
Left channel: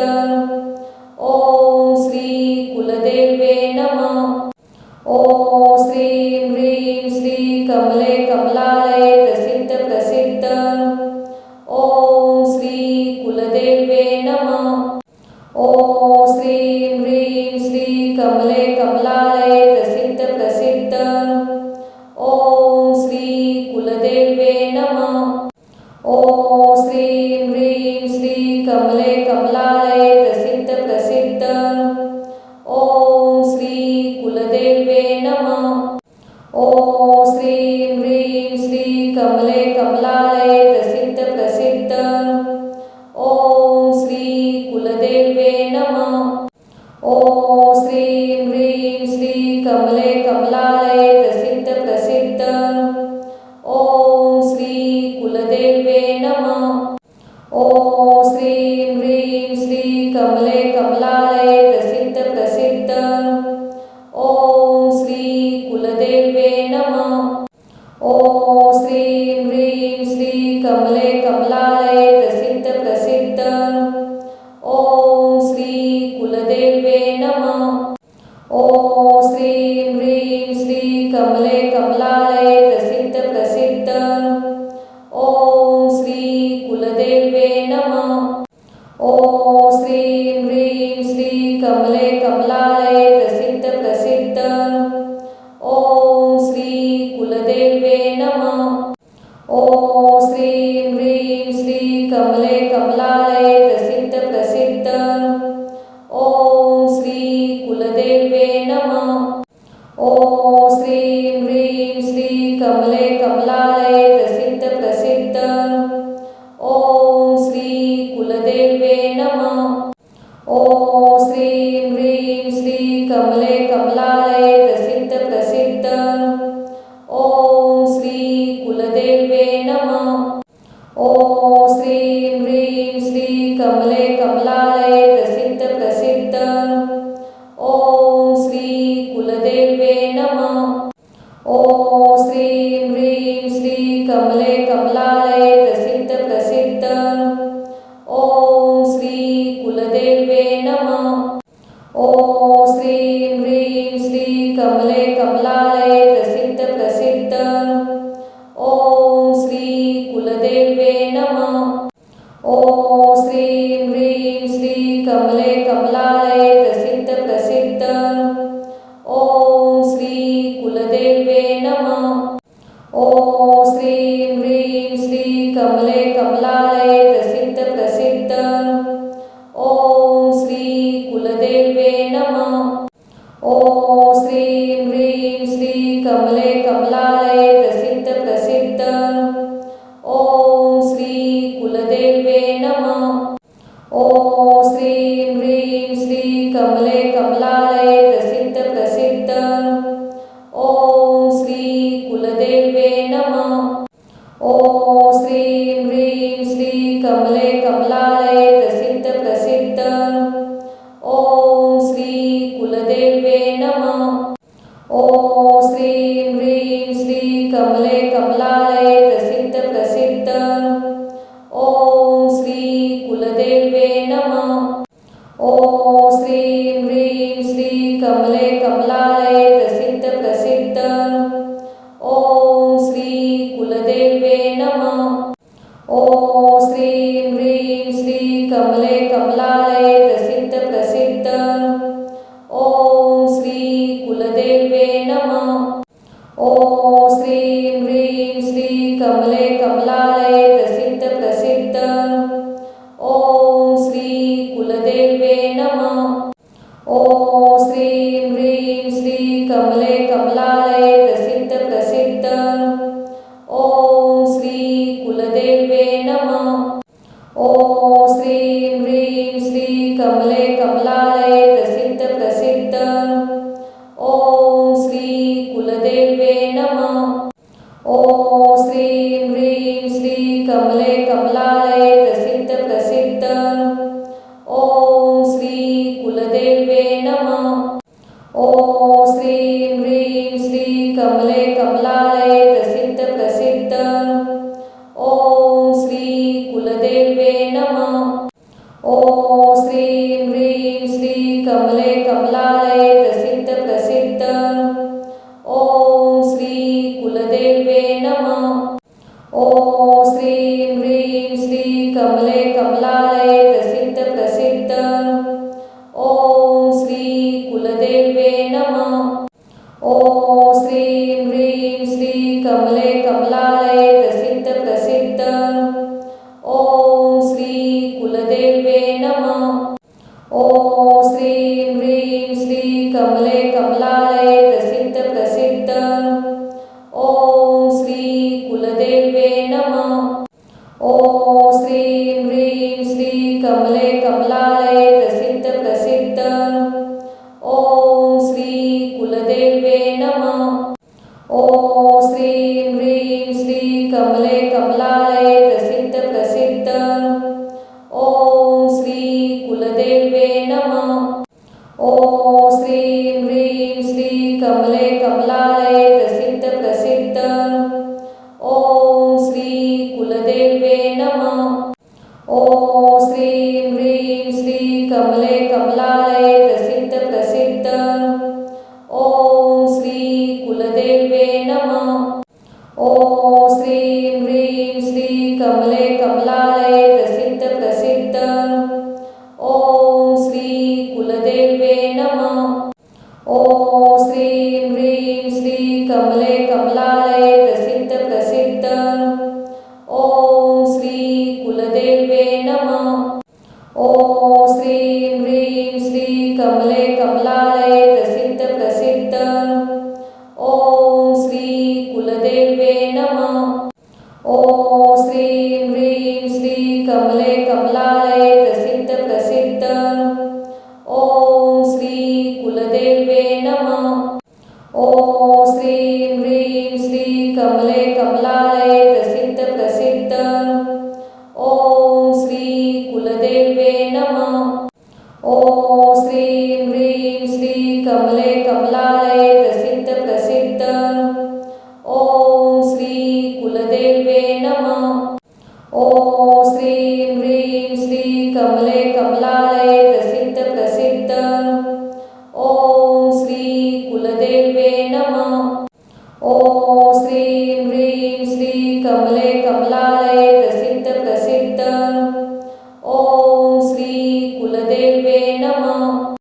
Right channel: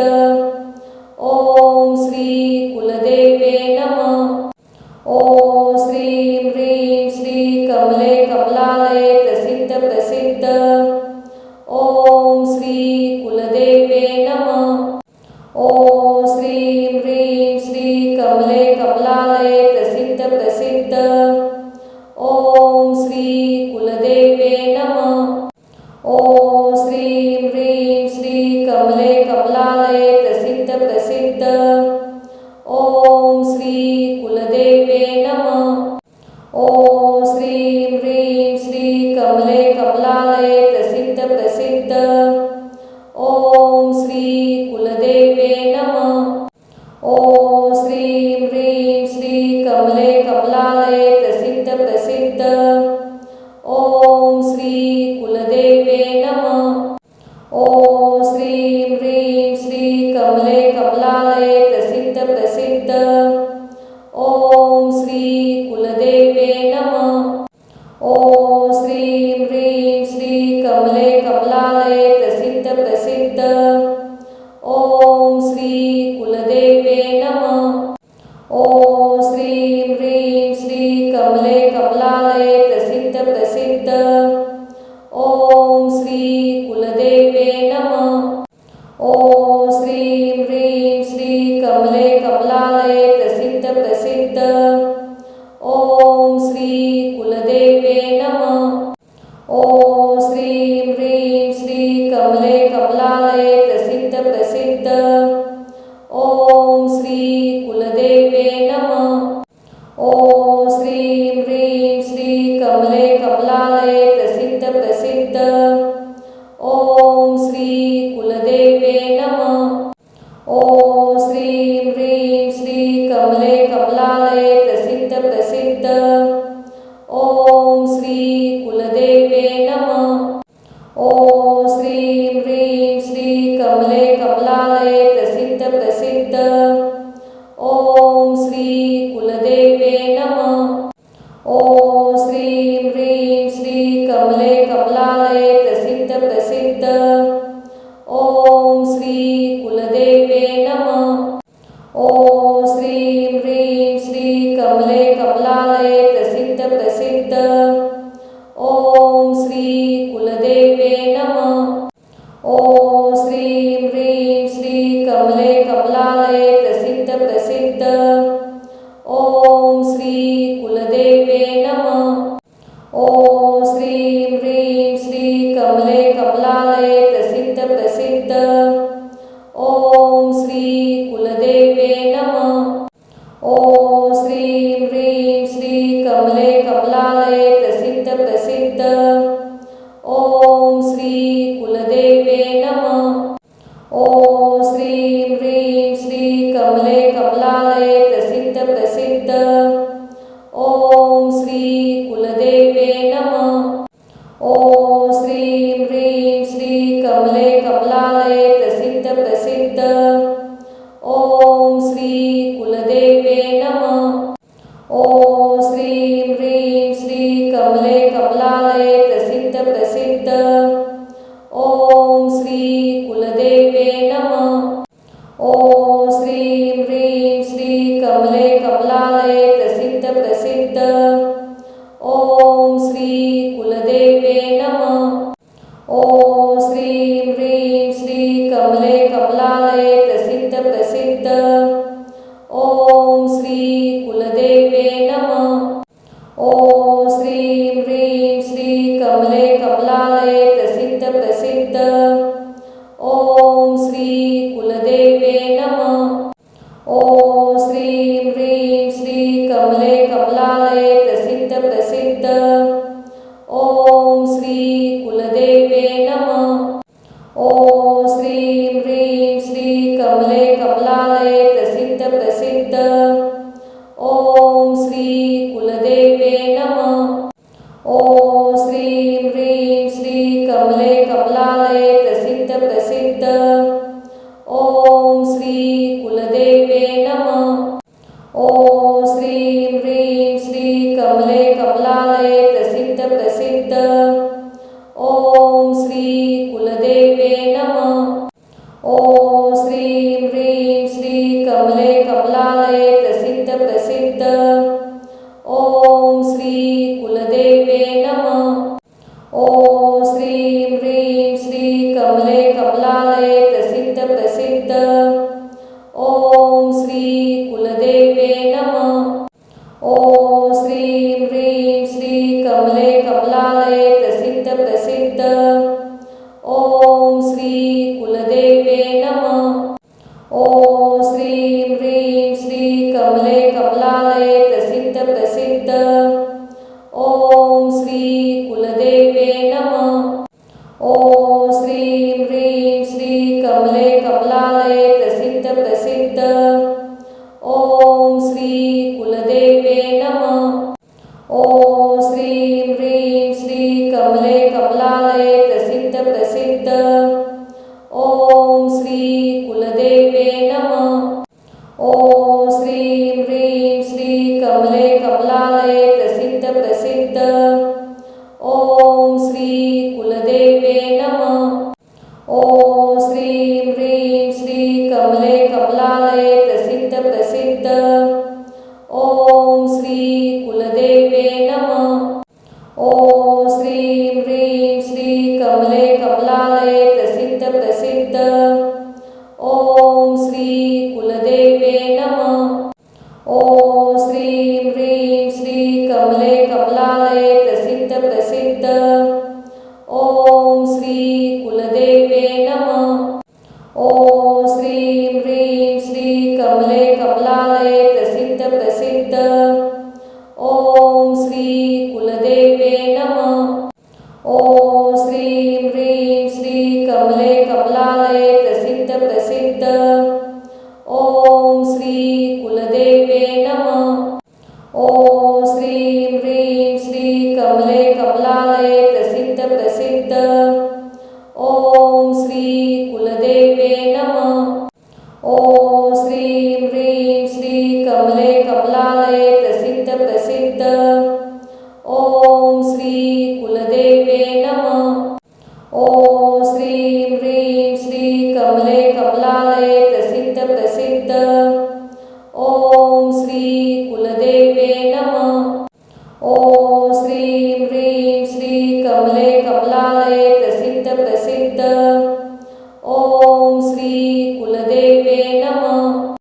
ओम श्री कुलदेवे नमः। ओम श्रीं ह्रीं श्री कमले कमलालये प्रसिद्ध प्रसिद्ध। ओम श्री कुलदेवे नमः। ओम श्रीं ह्रीं श्री कमले कमलालये प्रसिद्ध प्रसिद्ध। ओम श्री कुलदेवे नमः। ओम श्रीं ह्रीं श्री कमले कमलालये प्रसिद्ध प्रसिद्ध। ओम श्री कुलदेवे नमः। ओम श्रीं ह्रीं श्री कमले कमलालये प्रसिद्ध प्रसिद्ध। ओम श्री कुलदेवे नमः। ओम श्रीं ह्रीं श्री कमले कमलालये प्रसिद्ध प्रसिद्ध। ओम श्री कुलदेवे नमः। ओम श्रीं ह्रीं श्री कमले कमलालये प्रसिद्ध प्रसिद्ध। ओम श्री कुलदेवे नमः। ओम श्रीं ह्रीं श्री कमले कमलालये प्रसिद्ध प्रसिद्ध। ओम श्री कुलदेवे नमः। ओम श्रीं ह्रीं श्री कमले कमलालये प्रसिद्ध प्रसिद्ध। ओम श्री कुलदेवे नमः। ओम श्रीं ह्रीं श्री कमले कमलालये प्रसिद्ध प्रसिद्ध। ओम श्री कुलदेवे नमः। ओम श्रीं ह्रीं श्री कमले कमलालये प्रसिद्ध प्रसिद्ध। ओम श्री कुलदेवे नमः। ओम श्रीं ह्रीं श्री कमले कमलालये प्रसिद्ध प्रसिद्ध। ओम श्री कुलदेवे नमः। ओम श्रीं ह्रीं श्री कमले कमलालये प्रसिद्ध प्रसिद्ध। ओम श्री कुलदेवे नमः। ओम श्रीं ह्रीं श्री कमले कमलालये प्रसिद्ध प्रसिद्ध। ओम श्री कुलदेवे नमः। ओम श्रीं ह्रीं श्री कमले कमलालये प्रसिद्ध प्रसिद्ध। ओम श्री कुलदेवे नमः। ओम श्रीं ह्रीं श्री कमले कमलालये प्रसिद्ध प्रसिद्ध। ओम ओम श्री कुलदेवे नमः। ओम श्रीं ह्रीं श्री कमले कमलालये प्रसिद्ध प्रसिद्ध। ओम श्री कुलदेवे नमः। ओम श्रीं ह्रीं श्री कमले कमलालये प्रसिद्ध प्रसिद्ध। ओम श्री कुलदेवे नमः। ओम श्रीं ह्रीं श्री कमले कमलालये प्रसिद्ध प्रसिद्ध। ओम श्री कुलदेवे नमः। ओम श्रीं ह्रीं श्री कमले कमलालये प्रसिद्ध प्रसिद्ध। ओम श्री कुलदेवे नमः। ओम श्रीं ह्रीं श्री कमले कमलालये प्रसिद्ध प्रसिद्ध। ओम श्री कुलदेवे नमः। ओम श्रीं ह्रीं श्री कमले कमलालये प्रसिद्ध प्रसिद्ध। ओम श्री कुलदेवे नमः। ओम श्रीं ह्रीं श्री कमले कमलालये प्रसिद्ध प्रसिद्ध। ओम श्री कुलदेवे नमः। ओम श्रीं ह्रीं श्री कमले कमलालये प्रसिद्ध प्रसिद्ध। ओम श्री कुलदेवे नमः। ओम श्रीं ह्रीं श्री कमले कमलालये प्रसिद्ध प्रसिद्ध। ओम श्री कुलदेवे नमः। ओम श्रीं ह्रीं श्री कमले कमलालये प्रसिद्ध प्रसिद्ध। ओम श्री कुलदेवे नमः। ओम श्रीं ह्रीं श्री कमले कमलालये प्रसिद्ध प्रसिद्ध। ओम श्री कुलदेवे नमः। ओम श्रीं ह्रीं श्री कमले कमलालये प्रसिद्ध प्रसिद्ध। ओम श्री कुलदेवे नमः। ओम श्रीं ह्रीं श्री कमले कमलालये प्रसिद्ध प्रसिद्ध। ओम श्री कुलदेवे नमः। ओम श्रीं ह्रीं श्री कमले कमलालये प्रसिद्ध प्रसिद्ध। ओम श्री कुलदेवे नमः। ओम श्रीं ह्रीं श्री कमले कमलालये प्रसिद्ध प्रसिद्ध। ओम श्री कुलदेवे नमः। ओम श्रीं ह्रीं श्री कमले कमलालये प्रसिद्ध प्रसिद्ध। ओम श्री कुलदेवे नमः। ओम श्रीं ह्रीं श्री कमले कमलालये प्रसिद्ध प्रसिद्ध। ओम श्री कुलदेवे नमः। ओम श्रीं ह्रीं श्री कमले कमलालये प्रसिद्ध प्रसिद्ध। ओम श्री कुलदेवे नमः। ओम श्रीं ह्रीं श्री कमले कमलालये प्रसिद्ध प्रसिद्ध। ओम श्री कुलदेवे नमः। ओम श्रीं ह्रीं श्री कमले कमलालये प्रसिद्ध प्रसिद्ध। ओम श्री कुलदेवे नमः। ओम श्रीं ह्रीं श्री कमले कमलालये प्रसिद्ध प्रसिद्ध। ओम श्री कुलदेवे नमः। ओम श्रीं ह्रीं श्री कमले कमलालये प्रसिद्ध प्रसिद्ध। ओम श्री कुलदेवे नमः। ओम श्रीं ह्रीं श्री कमले कमलालये प्रसिद्ध प्रसिद्ध। ओम श्री कुलदेवे नमः। ओम श्रीं ह्रीं श्री कमले कमलालये प्रसिद्ध प्रसिद्ध। ओम श्री कुलदेवे नमः। ओम श्रीं ह्रीं श्री कमले कमलालये प्रसिद्ध प्रसिद्ध। ओम श्री कुलदेवे नमः। ओम श्रीं ह्रीं श्री कमले कमलालये प्रसिद्ध प्रसिद्ध। ओम श्री कुलदेवे नमः। ओम श्रीं ह्रीं श्री कमले कमलालये प्रसिद्ध प्रसिद्ध। ओम श्री कुलदेवे नमः। ओम श्रीं ह्रीं श्री कमले कमलालये प्रसिद्ध प्रसिद्ध। ओम श्री कुलदेवे नमः। ओम श्रीं ह्रीं श्री कमले कमलालये प्रसिद्ध प्रसिद्ध। ओम श्री कुलदेवे नमः।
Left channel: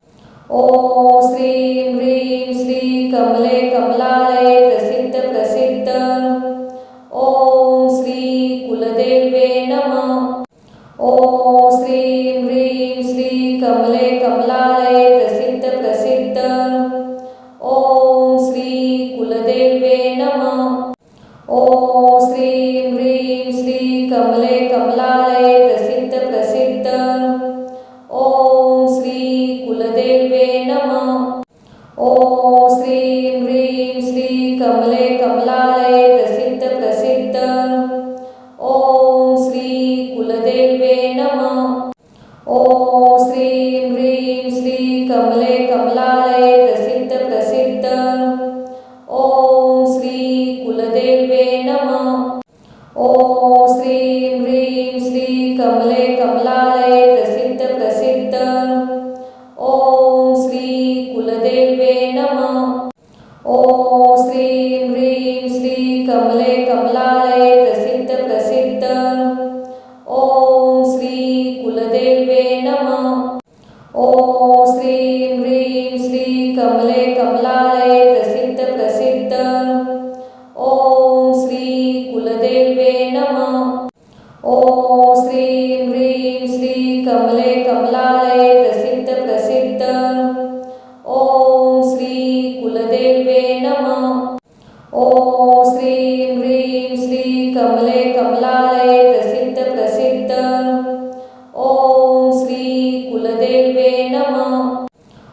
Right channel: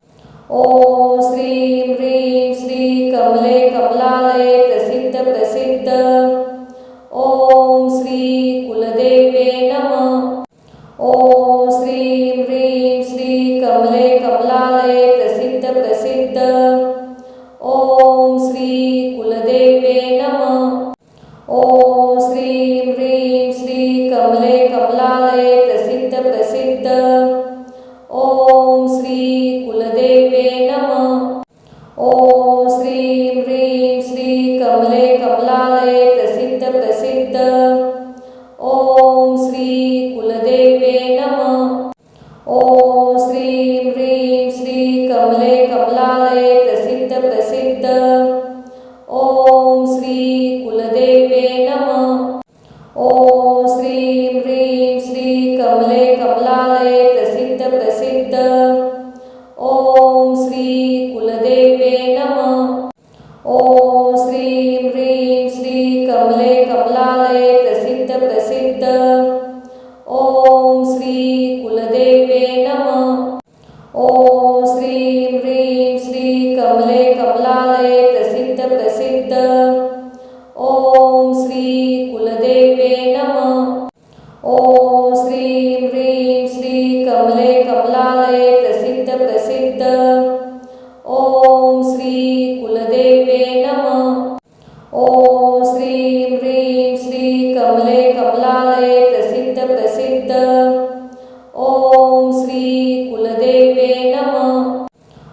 ओम श्रीं ह्रीं श्री कमले कमलालये प्रसिद्ध प्रसिद्ध। ओम श्री कुलदेवे नमः। ओम श्रीं ह्रीं श्री कमले कमलालये प्रसिद्ध प्रसिद्ध। ओम श्री कुलदेवे नमः। ओम श्रीं ह्रीं श्री कमले कमलालये प्रसिद्ध प्रसिद्ध। ओम श्री कुलदेवे नमः। ओम श्रीं ह्रीं श्री कमले कमलालये प्रसिद्ध प्रसिद्ध। ओम श्री कुलदेवे नमः। ओम श्रीं ह्रीं श्री कमले कमलालये प्रसिद्ध प्रसिद्ध। ओम श्री कुलदेवे नमः। ओम श्रीं ह्रीं श्री कमले कमलालये प्रसिद्ध प्रसिद्ध। ओम श्री कुलदेवे नमः। ओम श्रीं ह्रीं श्री कमले कमलालये प्रसिद्ध प्रसिद्ध। ओम श्री कुलदेवे नमः। ओम श्रीं ह्रीं श्री कमले कमलालये प्रसिद्ध प्रसिद्ध। ओम श्री कुलदेवे नमः। ओम श्रीं ह्रीं श्री कमले कमलालये प्रसिद्ध प्रसिद्ध। ओम श्री कुलदेवे नमः। ओम श्रीं ह्रीं श्री कमले कमलालये प्रसिद्ध प्रसिद्ध। ओम श्री कुलदेवे नमः।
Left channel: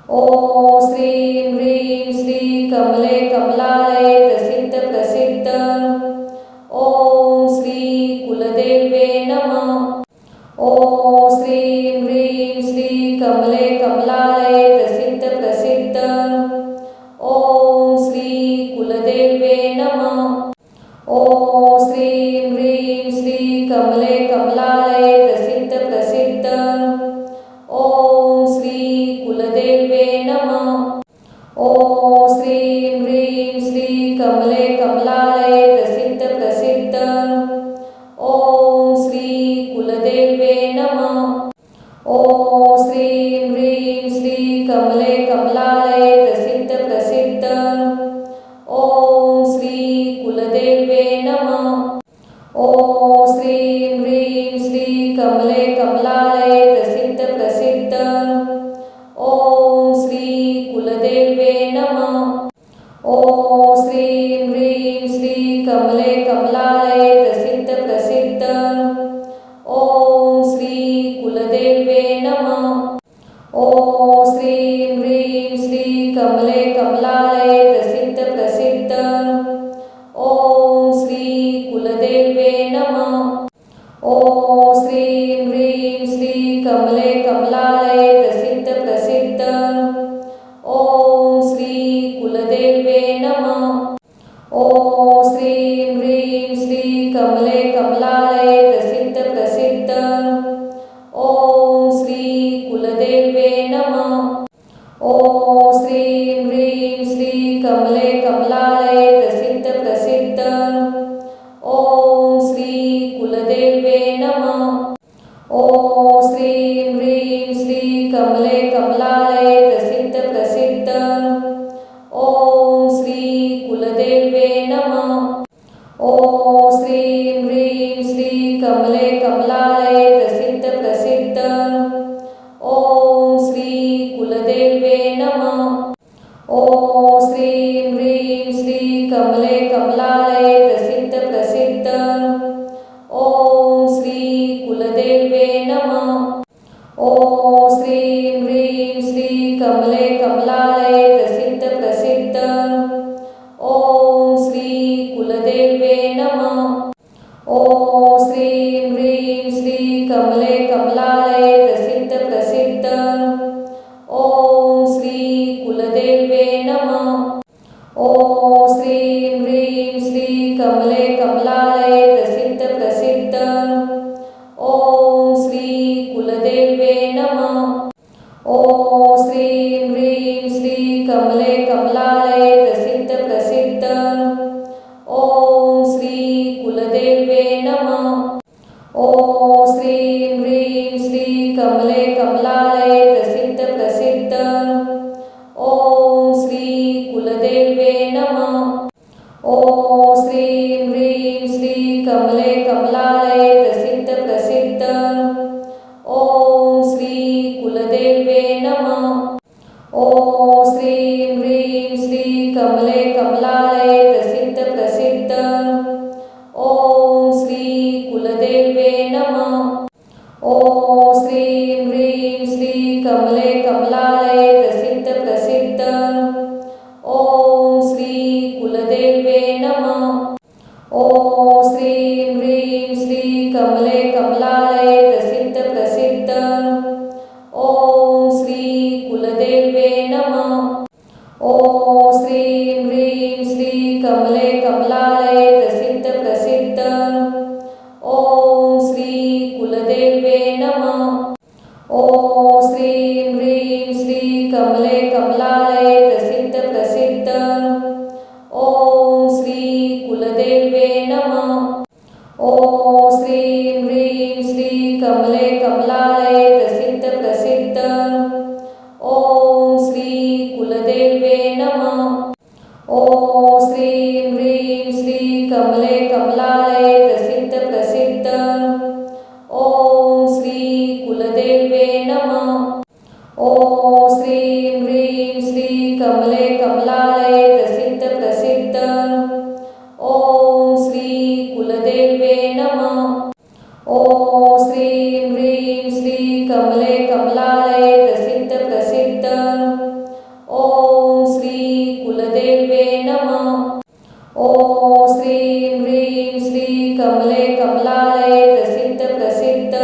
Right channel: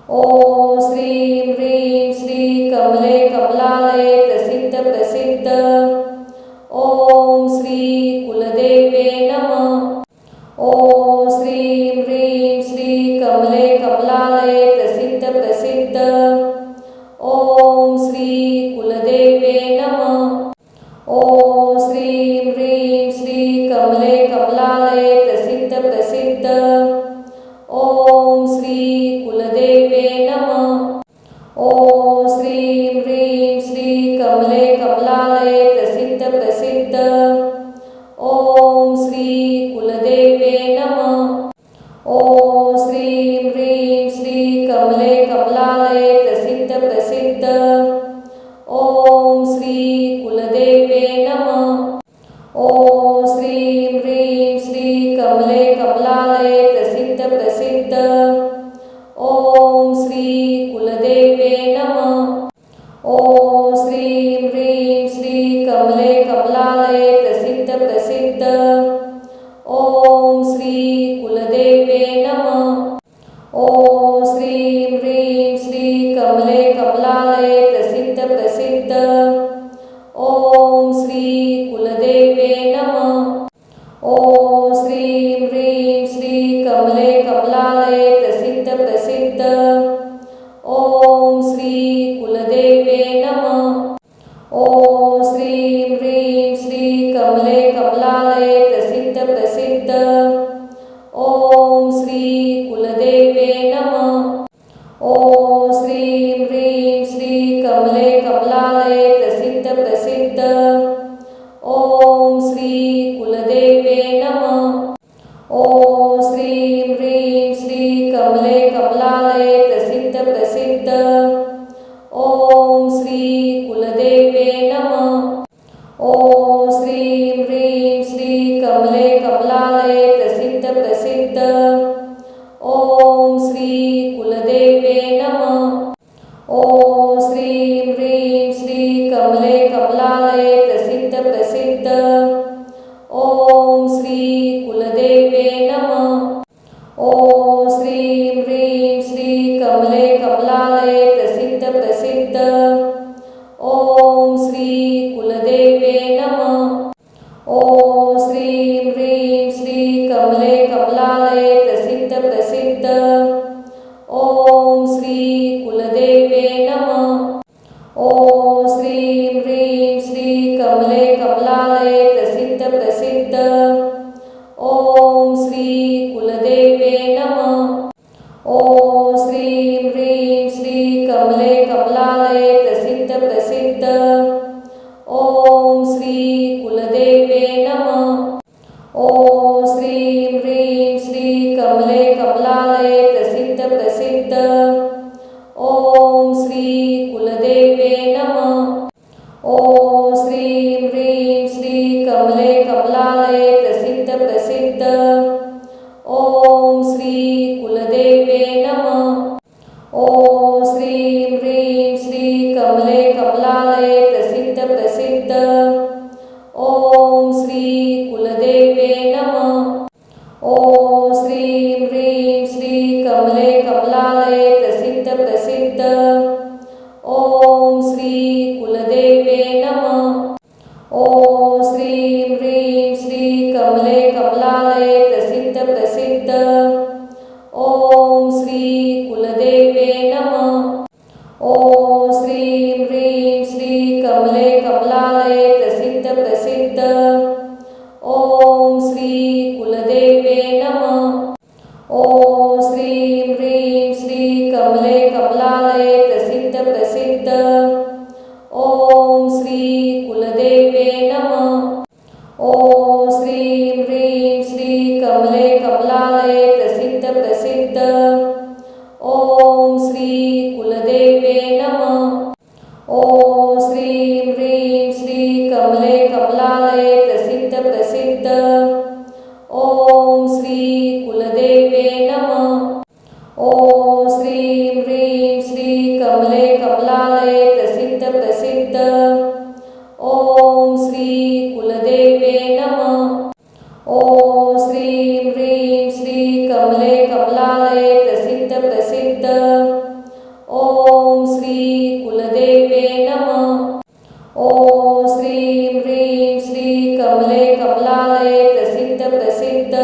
ओम श्रीं ह्रीं श्री कमले कमलालये प्रसिद्ध प्रसिद्ध। ओम श्री कुलदेवे नमः। ओम श्रीं ह्रीं श्री कमले कमलालये प्रसिद्ध प्रसिद्ध। ओम श्री कुलदेवे नमः। ओम श्रीं ह्रीं श्री कमले कमलालये प्रसिद्ध प्रसिद्ध। ओम श्री कुलदेवे नमः। ओम श्रीं ह्रीं श्री कमले कमलालये प्रसिद्ध प्रसिद्ध। ओम श्री कुलदेवे नमः। ओम श्रीं ह्रीं श्री कमले कमलालये प्रसिद्ध प्रसिद्ध। ओम श्री कुलदेवे नमः। ओम श्रीं ह्रीं श्री कमले कमलालये प्रसिद्ध प्रसिद्ध। ओम श्री कुलदेवे नमः। ओम श्रीं ह्रीं श्री कमले कमलालये प्रसिद्ध प्रसिद्ध। ओम श्री कुलदेवे नमः। ओम श्रीं ह्रीं श्री कमले कमलालये प्रसिद्ध प्रसिद्ध। ओम श्री कुलदेवे नमः। ओम श्रीं ह्रीं श्री कमले कमलालये प्रसिद्ध प्रसिद्ध। ओम श्री कुलदेवे नमः। ओम श्रीं ह्रीं श्री कमले कमलालये प्रसिद्ध प्रसिद्ध। ओम श्री कुलदेवे नमः। ओम श्रीं ह्रीं श्री कमले कमलालये प्रसिद्ध प्रसिद्ध। ओम श्री कुलदेवे नमः। ओम श्रीं ह्रीं श्री कमले कमलालये प्रसिद्ध प्रसिद्ध। ओम श्री कुलदेवे नमः। ओम श्रीं ह्रीं श्री कमले कमलालये प्रसिद्ध प्रसिद्ध। ओम श्री कुलदेवे नमः। ओम श्रीं ह्रीं श्री कमले कमलालये प्रसिद्ध प्रसिद्ध। ओम श्री कुलदेवे नमः। ओम श्रीं ह्रीं श्री कमले कमलालये प्रसिद्ध प्रसिद्ध। ओम श्री कुलदेवे नमः। ओम श्रीं ह्रीं श्री कमले कमलालये प्रसिद्ध प्रसिद्ध। ओम श्री कुलदेवे नमः। ओम श्रीं ह्रीं श्री कमले कमलालये प्रसिद्ध प्रसिद्ध। ओम श्री कुलदेवे नमः। ओम श्रीं ह्रीं श्री कमले कमलालये प्रसिद्ध प्रसिद्ध। ओम श्री कुलदेवे कुलदेवे नमः। ओम श्रीं ह्रीं श्री कमले कमलालये प्रसिद्ध प्रसिद्ध। ओम श्री कुलदेवे नमः। ओम श्रीं ह्रीं श्री कमले कमलालये प्रसिद्ध प्रसिद्ध। ओम श्री कुलदेवे नमः। ओम श्रीं ह्रीं श्री कमले कमलालये प्रसिद्ध प्रसिद्ध। ओम श्री कुलदेवे नमः। ओम श्रीं ह्रीं श्री कमले कमलालये प्रसिद्ध प्रसिद्ध। ओम श्री कुलदेवे नमः। ओम श्रीं ह्रीं श्री कमले कमलालये प्रसिद्ध प्रसिद्ध। ओम श्री कुलदेवे नमः। ओम श्रीं ह्रीं श्री कमले कमलालये प्रसिद्ध प्रसिद्ध। ओम श्री कुलदेवे नमः। ओम श्रीं ह्रीं श्री कमले कमलालये प्रसिद्ध प्रसिद्ध। ओम श्री कुलदेवे नमः। ओम श्रीं ह्रीं श्री कमले कमलालये प्रसिद्ध प्रसिद्ध। ओम श्री कुलदेवे नमः। ओम श्रीं ह्रीं श्री कमले कमलालये प्रसिद्ध प्रसिद्ध। ओम श्री कुलदेवे नमः। ओम श्रीं ह्रीं श्री कमले कमलालये प्रसिद्ध प्रसिद्ध। ओम श्री कुलदेवे नमः। ओम श्रीं ह्रीं श्री कमले कमलालये प्रसिद्ध प्रसिद्ध। ओम श्री कुलदेवे नमः। ओम श्रीं ह्रीं श्री कमले कमलालये प्रसिद्ध प्रसिद्ध।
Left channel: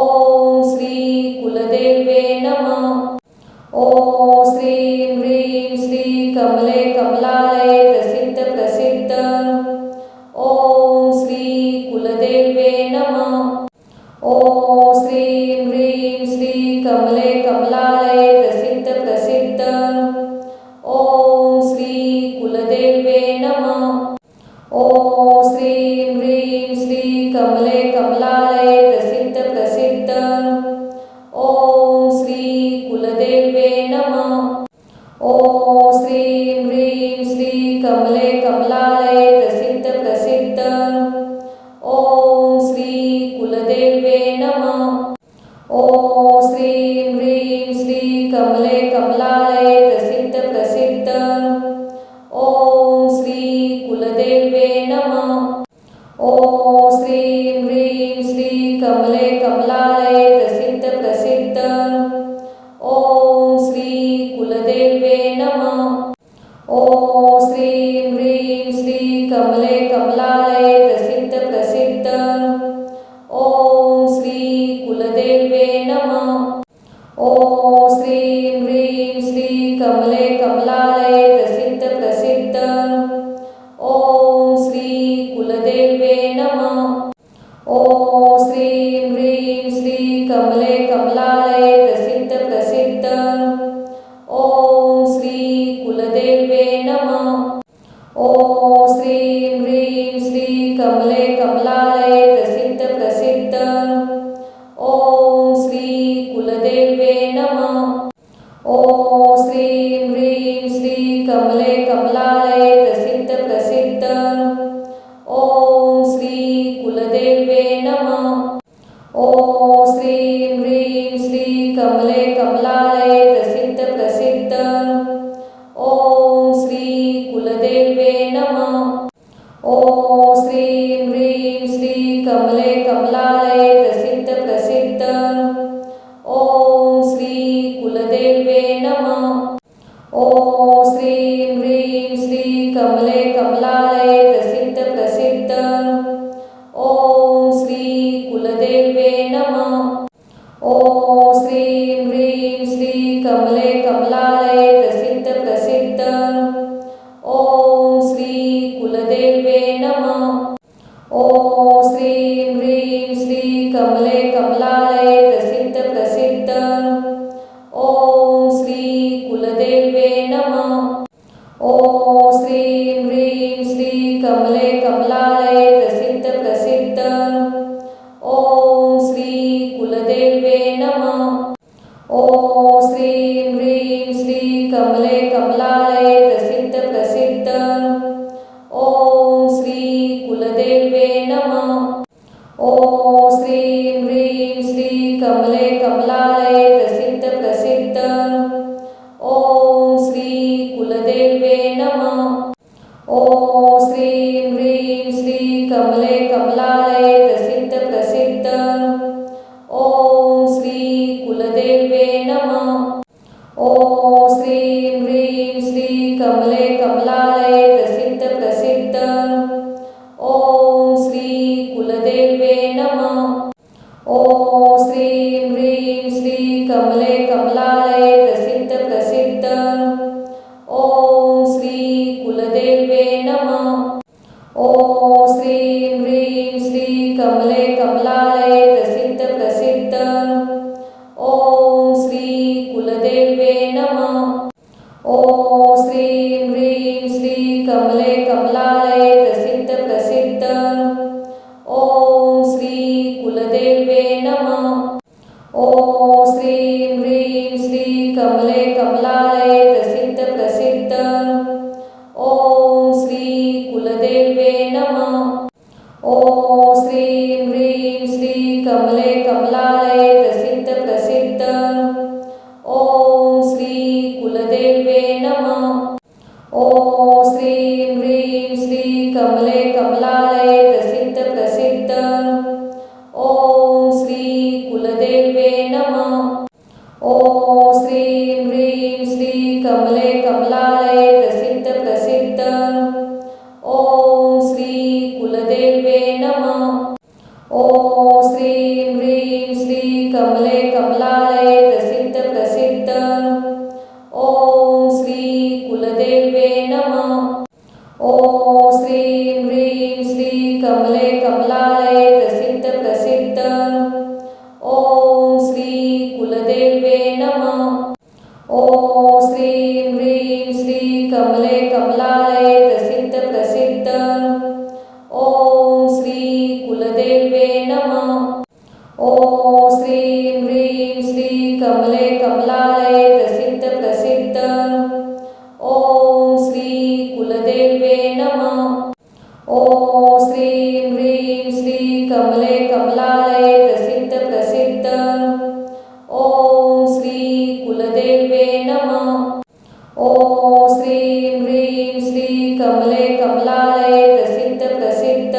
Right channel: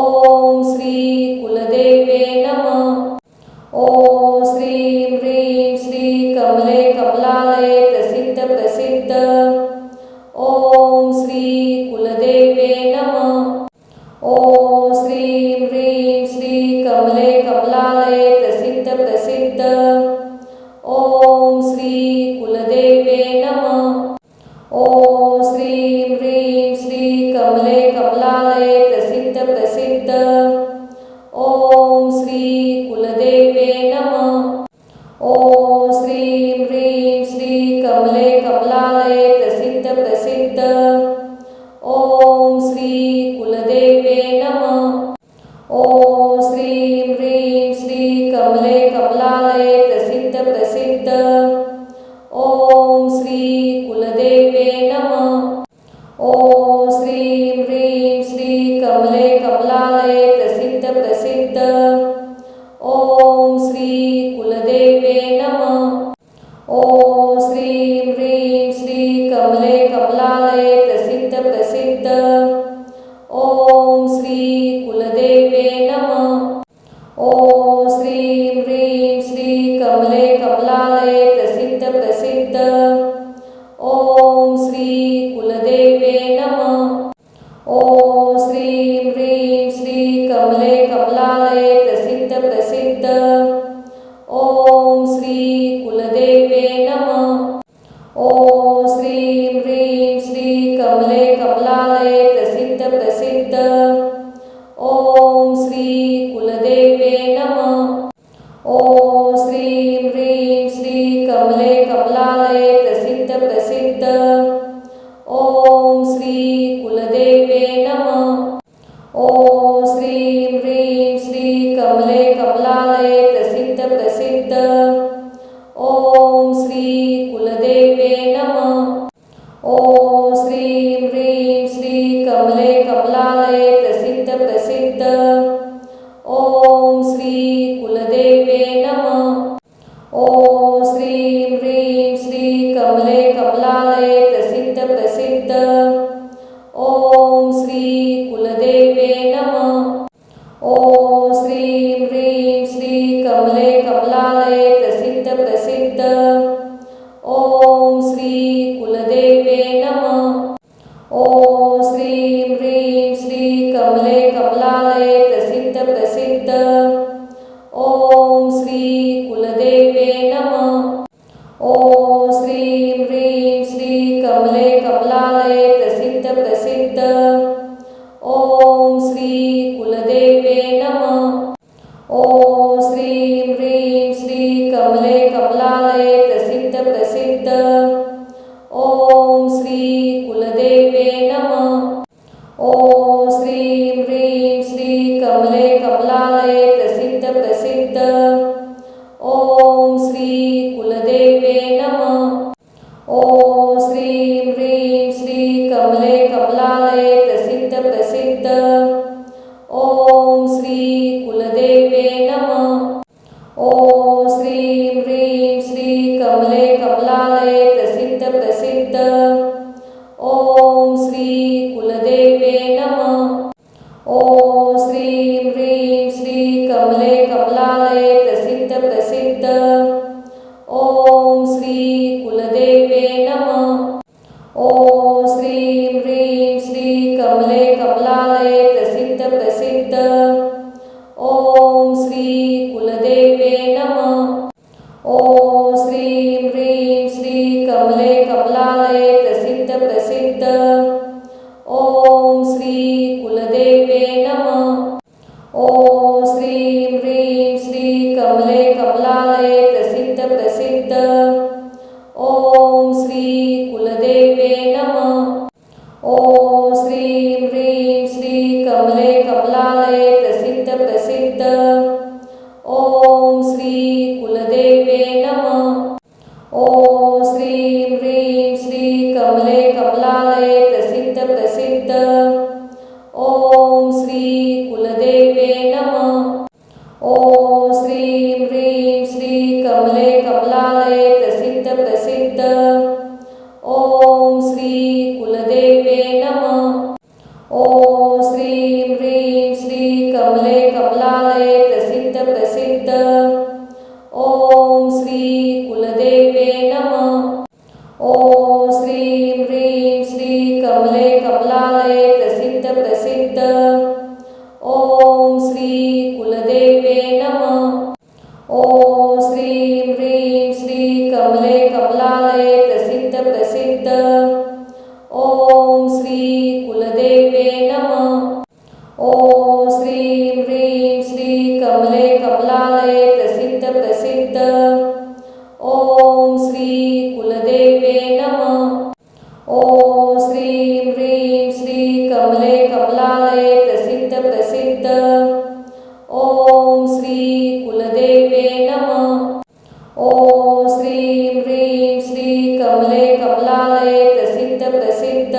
ओम श्री कुलदेवे नमः। ओम श्रीं ह्रीं श्री कमले कमलालये प्रसिद्ध प्रसिद्ध। ओम श्री कुलदेवे नमः। ओम श्रीं ह्रीं श्री कमले कमलालये प्रसिद्ध प्रसिद्ध। ओम श्री कुलदेवे नमः। ओम श्रीं ह्रीं श्री कमले कमलालये प्रसिद्ध प्रसिद्ध। ओम श्री कुलदेवे नमः। ओम श्रीं ह्रीं श्री कमले कमलालये प्रसिद्ध प्रसिद्ध। ओम श्री कुलदेवे नमः। ओम श्रीं ह्रीं श्री कमले कमलालये प्रसिद्ध प्रसिद्ध। ओम श्री कुलदेवे नमः। ओम श्रीं ह्रीं श्री कमले कमलालये प्रसिद्ध प्रसिद्ध। ओम श्री कुलदेवे नमः। ओम श्रीं ह्रीं श्री कमले कमलालये प्रसिद्ध प्रसिद्ध। ओम श्री कुलदेवे नमः। ओम श्रीं ह्रीं श्री कमले कमलालये प्रसिद्ध प्रसिद्ध। ओम श्री कुलदेवे नमः। ओम श्रीं ह्रीं श्री कमले कमलालये प्रसिद्ध प्रसिद्ध। ओम श्री कुलदेवे नमः। ओम श्रीं ह्रीं श्री कमले कमलालये प्रसिद्ध प्रसिद्ध। ओम श्री कुलदेवे नमः। ओम श्रीं ह्रीं श्री कमले कमलालये प्रसिद्ध प्रसिद्ध। ओम श्री कुलदेवे नमः। ओम श्रीं ह्रीं श्री कमले कमलालये प्रसिद्ध प्रसिद्ध। ओम श्री कुलदेवे नमः। ओम श्रीं ह्रीं श्री कमले कमलालये प्रसिद्ध प्रसिद्ध। ओम श्री कुलदेवे नमः। ओम श्रीं ह्रीं श्री कमले कमलालये प्रसिद्ध प्रसिद्ध। ओम श्री कुलदेवे नमः। ओम श्रीं ह्रीं श्री कमले कमलालये प्रसिद्ध प्रसिद्ध। ओम श्री कुलदेवे नमः। ओम श्रीं ह्रीं श्री नमः। ॐ श्रीं ह्रीं श्री कमले कमलालये प्रसिद्ध प्रसिद्ध। ॐ श्री कुलदेव्ये नमः। ॐ श्रीं ह्रीं श्री कमले कमलालये प्रसिद्ध प्रसिद्ध। ॐ श्री कुलदेव्ये नमः। ॐ श्रीं ह्रीं श्री कमले कमलालये प्रसिद्ध प्रसिद्ध। ॐ श्री कुलदेव्ये नमः। ॐ श्रीं ह्रीं श्री कमले कमलालये प्रसिद्ध प्रसिद्ध। ॐ श्री कुलदेव्ये नमः। ॐ श्रीं ह्रीं श्री कमले कमलालये प्रसिद्ध प्रसिद्ध। ॐ श्री कुलदेव्ये नमः। ॐ श्रीं ह्रीं श्री कमले कमलालये प्रसिद्ध प्रसिद्ध। ॐ श्री कुलदेव्ये नमः। ॐ श्रीं ह्रीं श्री कमले कमलालये प्रसिद्ध प्रसिद्ध। ॐ श्री कुलदेव्ये नमः। ॐ श्रीं ह्रीं श्री कमले कमलालये प्रसिद्ध प्रसिद्ध। ॐ श्री कुलदेव्ये नमः। ॐ श्रीं ह्रीं श्री कमले कमलालये प्रसिद्ध प्रसिद्ध। ॐ श्री कुलदेव्ये नमः। ॐ श्रीं ह्रीं श्री कमले कमलालये प्रसिद्ध प्रसिद्ध। ॐ श्री कुलदेव्ये नमः। ॐ श्रीं ह्रीं श्री कमले कमलालये प्रसिद्ध प्रसिद्ध। ॐ श्री कुलदेव्ये नमः। ॐ श्रीं ह्रीं श्री कमले कमलालये प्रसिद्ध प्रसिद्ध। ॐ श्री कुलदेव्ये नमः। ॐ श्रीं ह्रीं श्री कमले कमलालये प्रसिद्ध प्रसिद्ध। ॐ श्री कुलदेव्ये नमः। ॐ श्रीं ह्रीं श्री कमले कमलालये प्रसिद्ध प्रसिद्ध। ॐ श्री कुलदेव्ये नमः। ॐ श्रीं ह्रीं श्री कमले कमलालये प्रसिद्ध प्रसिद्ध। ॐ श्री कुलदेव्ये नमः। ॐ श्रीं ह्रीं श्री कमले कमलालये प्रसिद्ध प्रसिद्ध।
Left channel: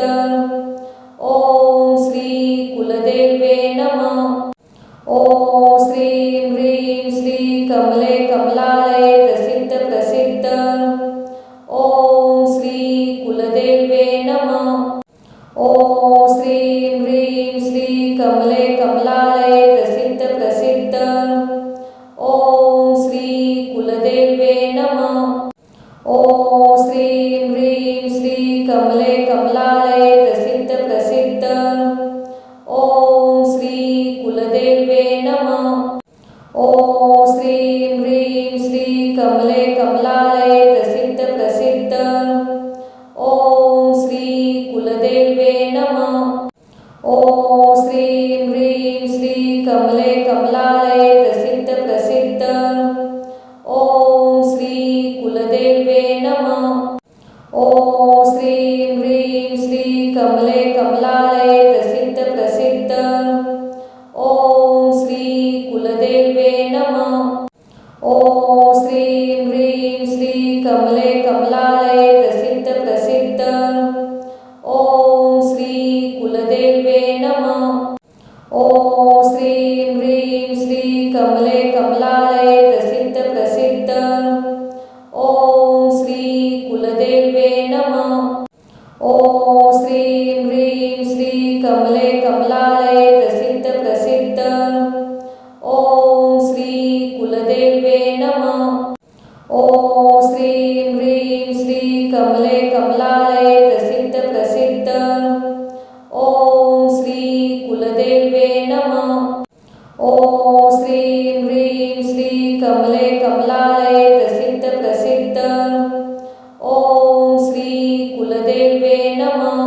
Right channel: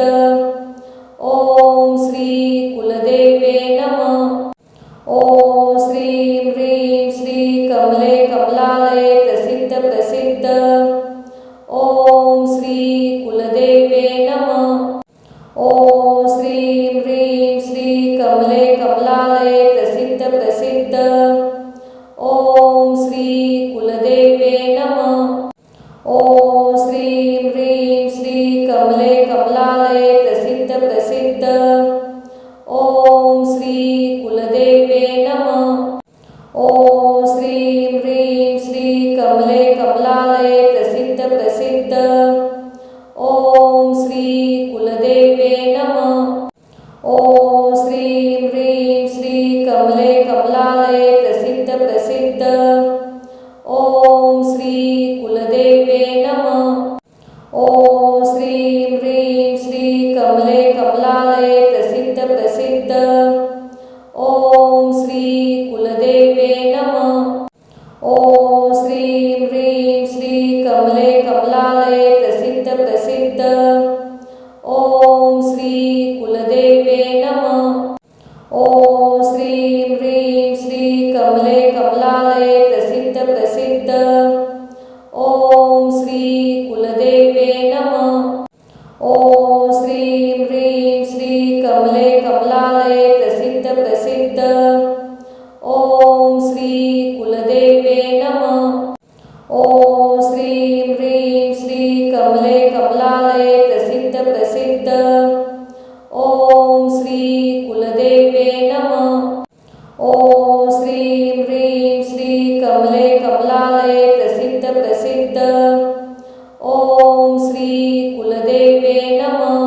ॐ श्री कुलदेव्ये नमः। ॐ श्रीं ह्रीं श्री कमले कमलालये प्रसिद्ध प्रसिद्ध। ॐ श्री कुलदेव्ये नमः। ॐ श्रीं ह्रीं श्री कमले कमलालये प्रसिद्ध प्रसिद्ध। ॐ श्री कुलदेव्ये नमः। ॐ श्रीं ह्रीं श्री कमले कमलालये प्रसिद्ध प्रसिद्ध। ॐ श्री कुलदेव्ये नमः। ॐ श्रीं ह्रीं श्री कमले कमलालये प्रसिद्ध प्रसिद्ध। ॐ श्री कुलदेव्ये नमः। ॐ श्रीं ह्रीं श्री कमले कमलालये प्रसिद्ध प्रसिद्ध। ॐ श्री कुलदेव्ये नमः। ॐ श्रीं ह्रीं श्री कमले कमलालये प्रसिद्ध प्रसिद्ध। ॐ श्री कुलदेव्ये नमः। ॐ श्रीं ह्रीं श्री कमले कमलालये प्रसिद्ध प्रसिद्ध। ॐ श्री कुलदेव्ये नमः। ॐ श्रीं ह्रीं श्री कमले कमलालये प्रसिद्ध प्रसिद्ध। ॐ श्री कुलदेव्ये नमः। ॐ श्रीं ह्रीं श्री कमले कमलालये प्रसिद्ध प्रसिद्ध। ॐ श्री कुलदेव्ये नमः। ॐ श्रीं ह्रीं श्री कमले कमलालये प्रसिद्ध प्रसिद्ध। ॐ श्री कुलदेव्ये नमः। ॐ श्रीं ह्रीं श्री कमले कमलालये प्रसिद्ध प्रसिद्ध। ॐ श्री कुलदेव्ये नमः।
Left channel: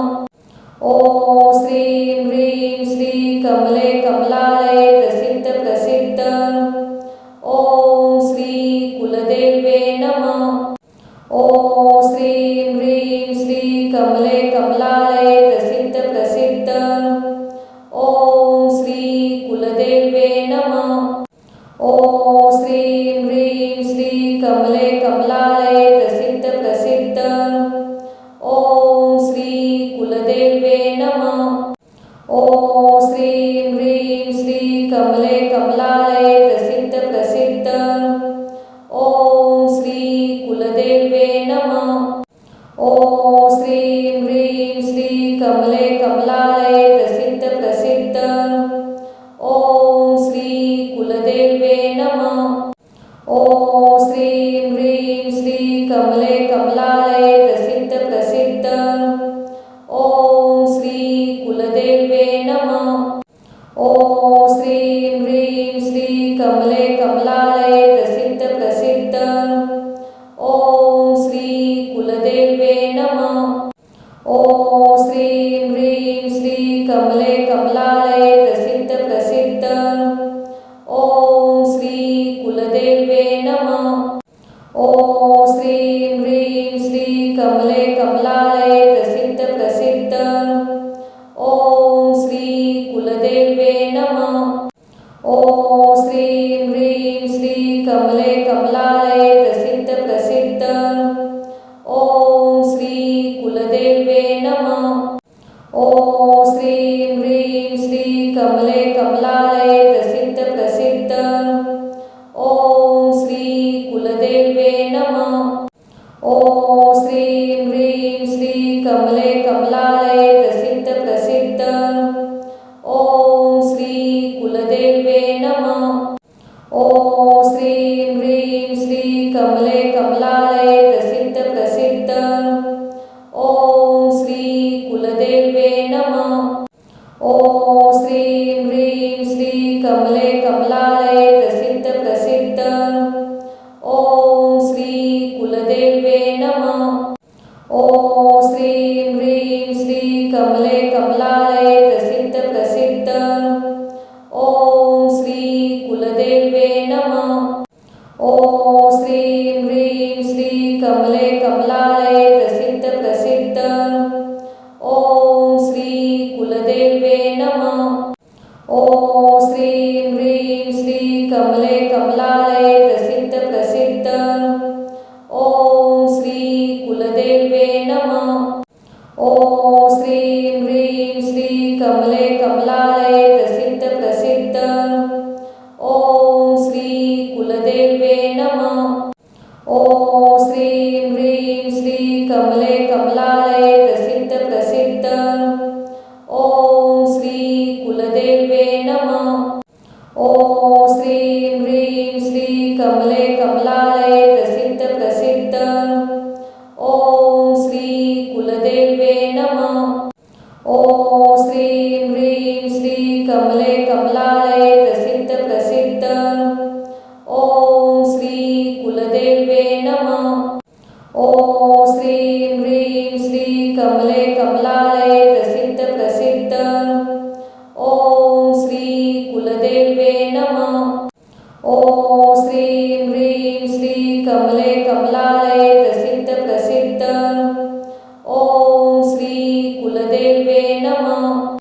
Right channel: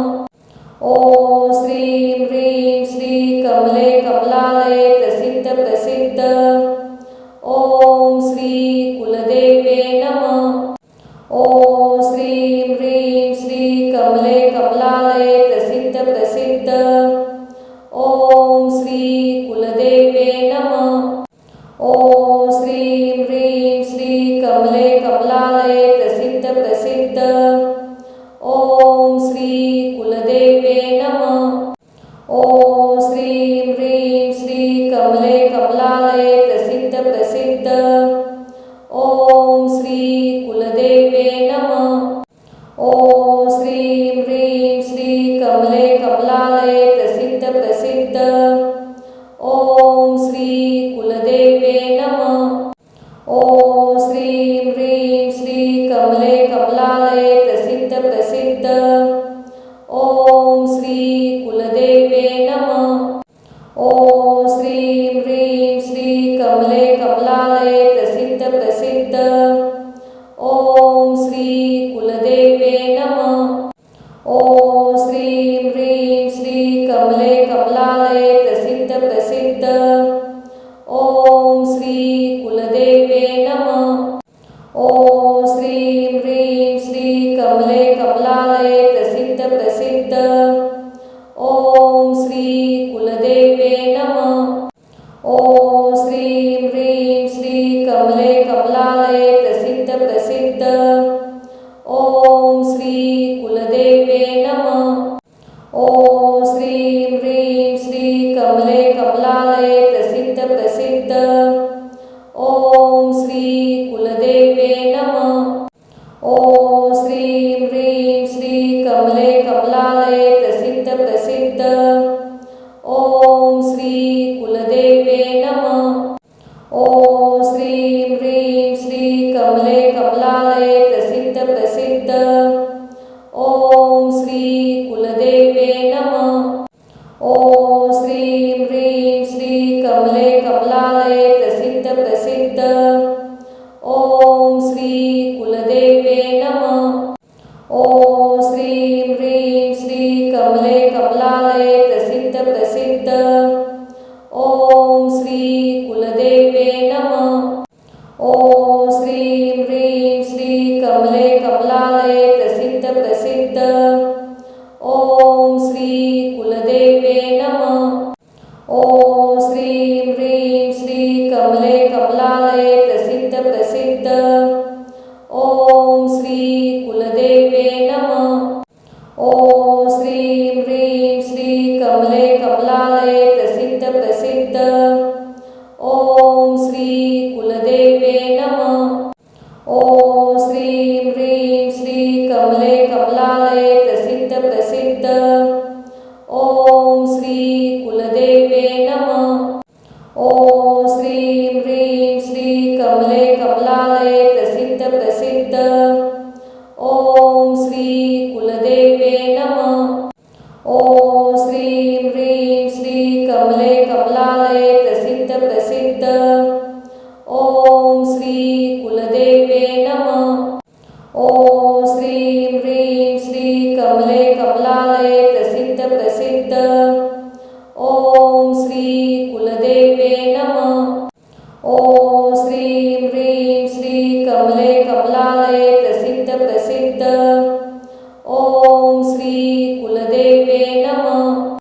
ॐ श्रीं ह्रीं श्री कमले कमलालये प्रसिद्ध प्रसिद्ध। ॐ श्री कुलदेव्ये नमः। ॐ श्रीं ह्रीं श्री कमले कमलालये प्रसिद्ध प्रसिद्ध। ओम श्री कुलदेवे नमः। ओम श्रीं ह्रीं श्री कमले कमलालये प्रसिद्ध प्रसिद्ध। ओम श्री कुलदेवे नमः। ओम श्रीं ह्रीं श्री कमले कमलालये प्रसिद्ध प्रसिद्ध। ओम श्री कुलदेवे नमः। ओम श्रीं ह्रीं श्री कमले कमलालये प्रसिद्ध प्रसिद्ध। ओम श्री कुलदेवे नमः। ओम श्रीं ह्रीं श्री कमले कमलालये प्रसिद्ध प्रसिद्ध। ओम श्री कुलदेवे नमः। ओम श्रीं ह्रीं श्री कमले कमलालये प्रसिद्ध प्रसिद्ध। ओम श्री कुलदेवे नमः। ओम श्रीं ह्रीं श्री कमले कमलालये प्रसिद्ध प्रसिद्ध। ओम श्री कुलदेवे नमः। ओम श्रीं ह्रीं श्री कमले कमलालये प्रसिद्ध प्रसिद्ध। ओम श्री कुलदेवे नमः। ओम श्रीं ह्रीं श्री कमले कमलालये प्रसिद्ध प्रसिद्ध। ओम श्री कुलदेवे नमः। ओम श्रीं ह्रीं श्री कमले कमलालये प्रसिद्ध प्रसिद्ध। ओम श्री कुलदेवे नमः। ओम श्रीं ह्रीं श्री कमले कमलालये प्रसिद्ध प्रसिद्ध। ओम श्री कुलदेवे नमः। ओम श्रीं ह्रीं श्री कमले कमलालये प्रसिद्ध प्रसिद्ध। ओम श्री कुलदेवे नमः। ओम श्रीं ह्रीं श्री कमले कमलालये प्रसिद्ध प्रसिद्ध। ओम श्री कुलदेवे नमः। ओम श्रीं ह्रीं श्री कमले कमलालये प्रसिद्ध प्रसिद्ध। ओम श्री कुलदेवे नमः। ओम श्रीं ह्रीं श्री कमले कमलालये प्रसिद्ध प्रसिद्ध। ओम श्री कुलदेवे नमः। ओम श्रीं ह्रीं श्री कमले कमलालये प्रसिद्ध प्रसिद्ध। ओम श्री कुलदेवे नमः। ओम श्रीं ह्रीं श्री कमले कमलालये प्रसिद्ध प्रसिद्ध। ओम श्री कुलदेवे नमः। ओम श्रीं ह्रीं श्री कमले कमलालये प्रसिद्ध प्रसिद्ध। ओम श्री कुलदेवे नमः। ओम श्रीं ह्रीं श्री कमले कमलालये प्रसिद्ध प्रसिद्ध। ओम श्री कुलदेवे नमः। ओम श्रीं ह्रीं श्री कमले कमलालये प्रसिद्ध प्रसिद्ध। ओम श्री कुलदेवे नमः। ओम श्रीं ह्रीं श्री कमले कमलालये प्रसिद्ध प्रसिद्ध। ओम श्री कुलदेवे नमः। ओम श्रीं ह्रीं श्री कमले कमलालये प्रसिद्ध प्रसिद्ध। ओम श्री कुलदेवे नमः।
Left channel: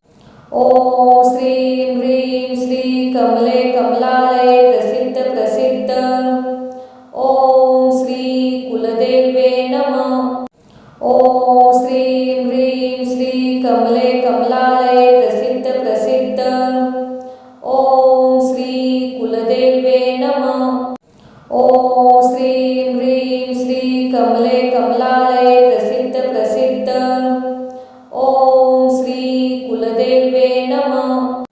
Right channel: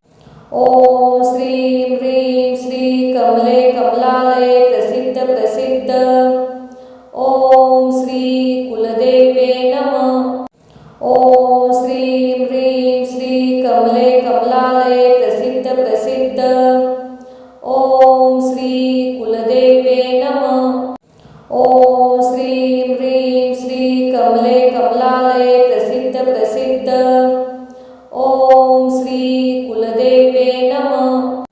ओम श्रीं ह्रीं श्री कमले कमलालये प्रसिद्ध प्रसिद्ध। ओम श्री कुलदेवे नमः। ओम श्रीं ह्रीं श्री कमले कमलालये प्रसिद्ध प्रसिद्ध। ओम श्री कुलदेवे नमः। ओम श्रीं ह्रीं श्री कमले कमलालये प्रसिद्ध प्रसिद्ध। ओम श्री कुलदेवे नमः।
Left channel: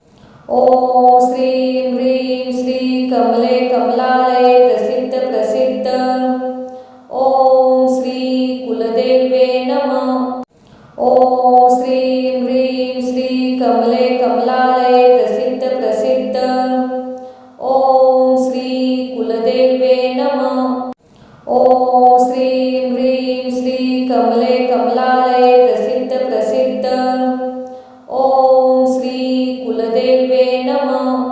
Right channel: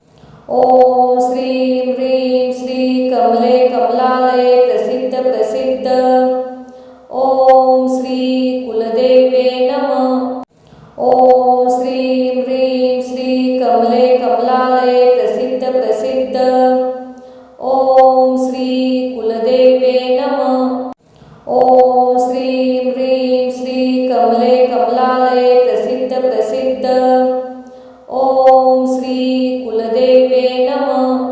ओम श्रीं ह्रीं श्री कमले कमलालये प्रसिद्ध प्रसिद्ध। ओम श्री कुलदेवे नमः। ओम श्रीं ह्रीं श्री कमले कमलालये प्रसिद्ध प्रसिद्ध। ओम श्री कुलदेवे नमः। ओम श्रीं ह्रीं श्री कमले कमलालये प्रसिद्ध प्रसिद्ध। ओम श्री कुलदेवे नमः।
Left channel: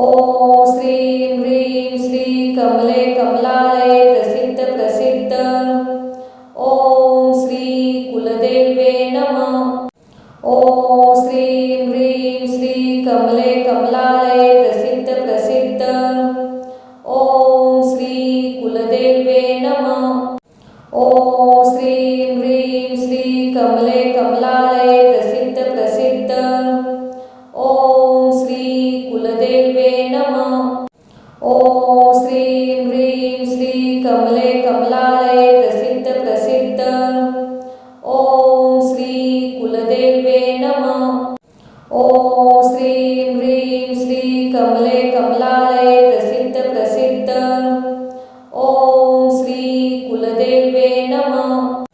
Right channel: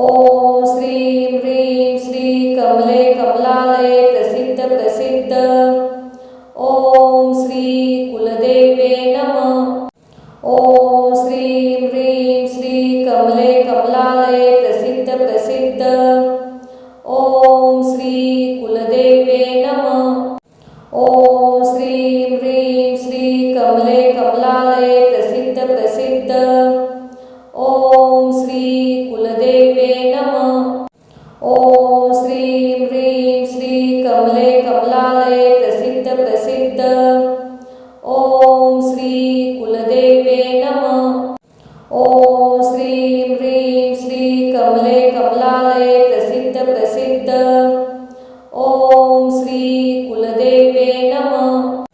ओम श्रीं ह्रीं श्री कमले कमलालये प्रसिद्ध प्रसिद्ध। ओम श्री कुलदेवे नमः। ओम श्रीं ह्रीं श्री कमले कमलालये प्रसिद्ध प्रसिद्ध। ओम श्री कुलदेवे नमः। ओम श्रीं ह्रीं श्री कमले कमलालये प्रसिद्ध प्रसिद्ध। ओम श्री कुलदेवे नमः। ओम श्रीं ह्रीं श्री कमले कमलालये प्रसिद्ध प्रसिद्ध। ओम श्री कुलदेवे नमः। ओम श्रीं ह्रीं श्री कमले कमलालये प्रसिद्ध प्रसिद्ध। ओम श्री कुलदेवे नमः।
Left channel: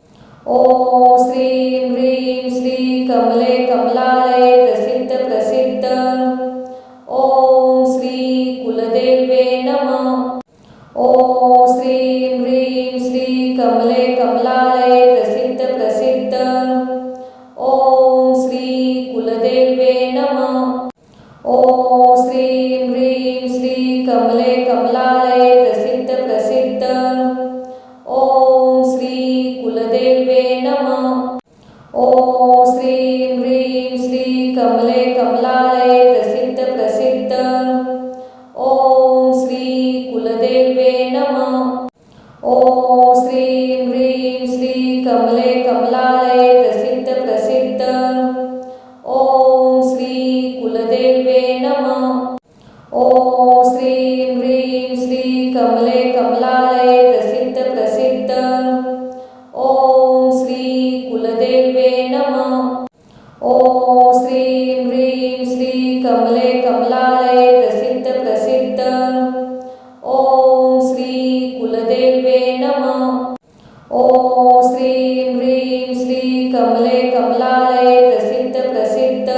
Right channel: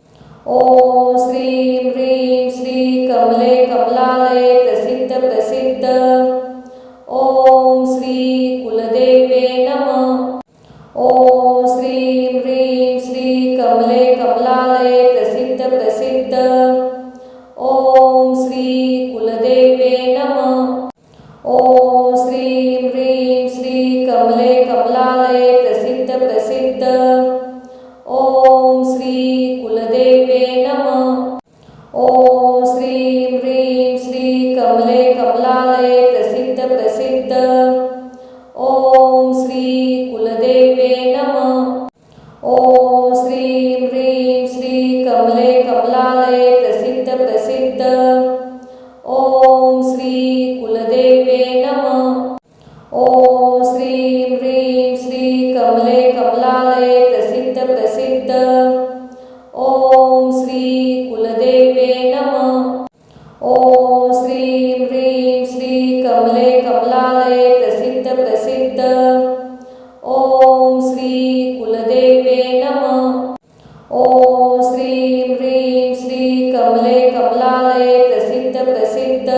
ओम श्रीं ह्रीं श्री कमले कमलालये प्रसिद्ध प्रसिद्ध। ओम श्री कुलदेवे नमः। ओम श्रीं ह्रीं श्री कमले कमलालये प्रसिद्ध प्रसिद्ध। ओम श्री कुलदेवे नमः। ओम श्रीं ह्रीं श्री कमले कमलालये प्रसिद्ध प्रसिद्ध। ओम श्री कुलदेवे नमः। ओम श्रीं ह्रीं श्री कमले कमलालये प्रसिद्ध प्रसिद्ध। ओम श्री कुलदेवे नमः। ओम श्रीं ह्रीं श्री कमले कमलालये प्रसिद्ध प्रसिद्ध। ओम श्री कुलदेवे नमः। ओम श्रीं ह्रीं श्री कमले कमलालये प्रसिद्ध प्रसिद्ध। ओम श्री कुलदेवे नमः। ओम श्रीं ह्रीं श्री कमले कमलालये प्रसिद्ध प्रसिद्ध। ओम श्री कुलदेवे नमः। ओम श्रीं ह्रीं श्री कमले कमलालये प्रसिद्ध प्रसिद्ध।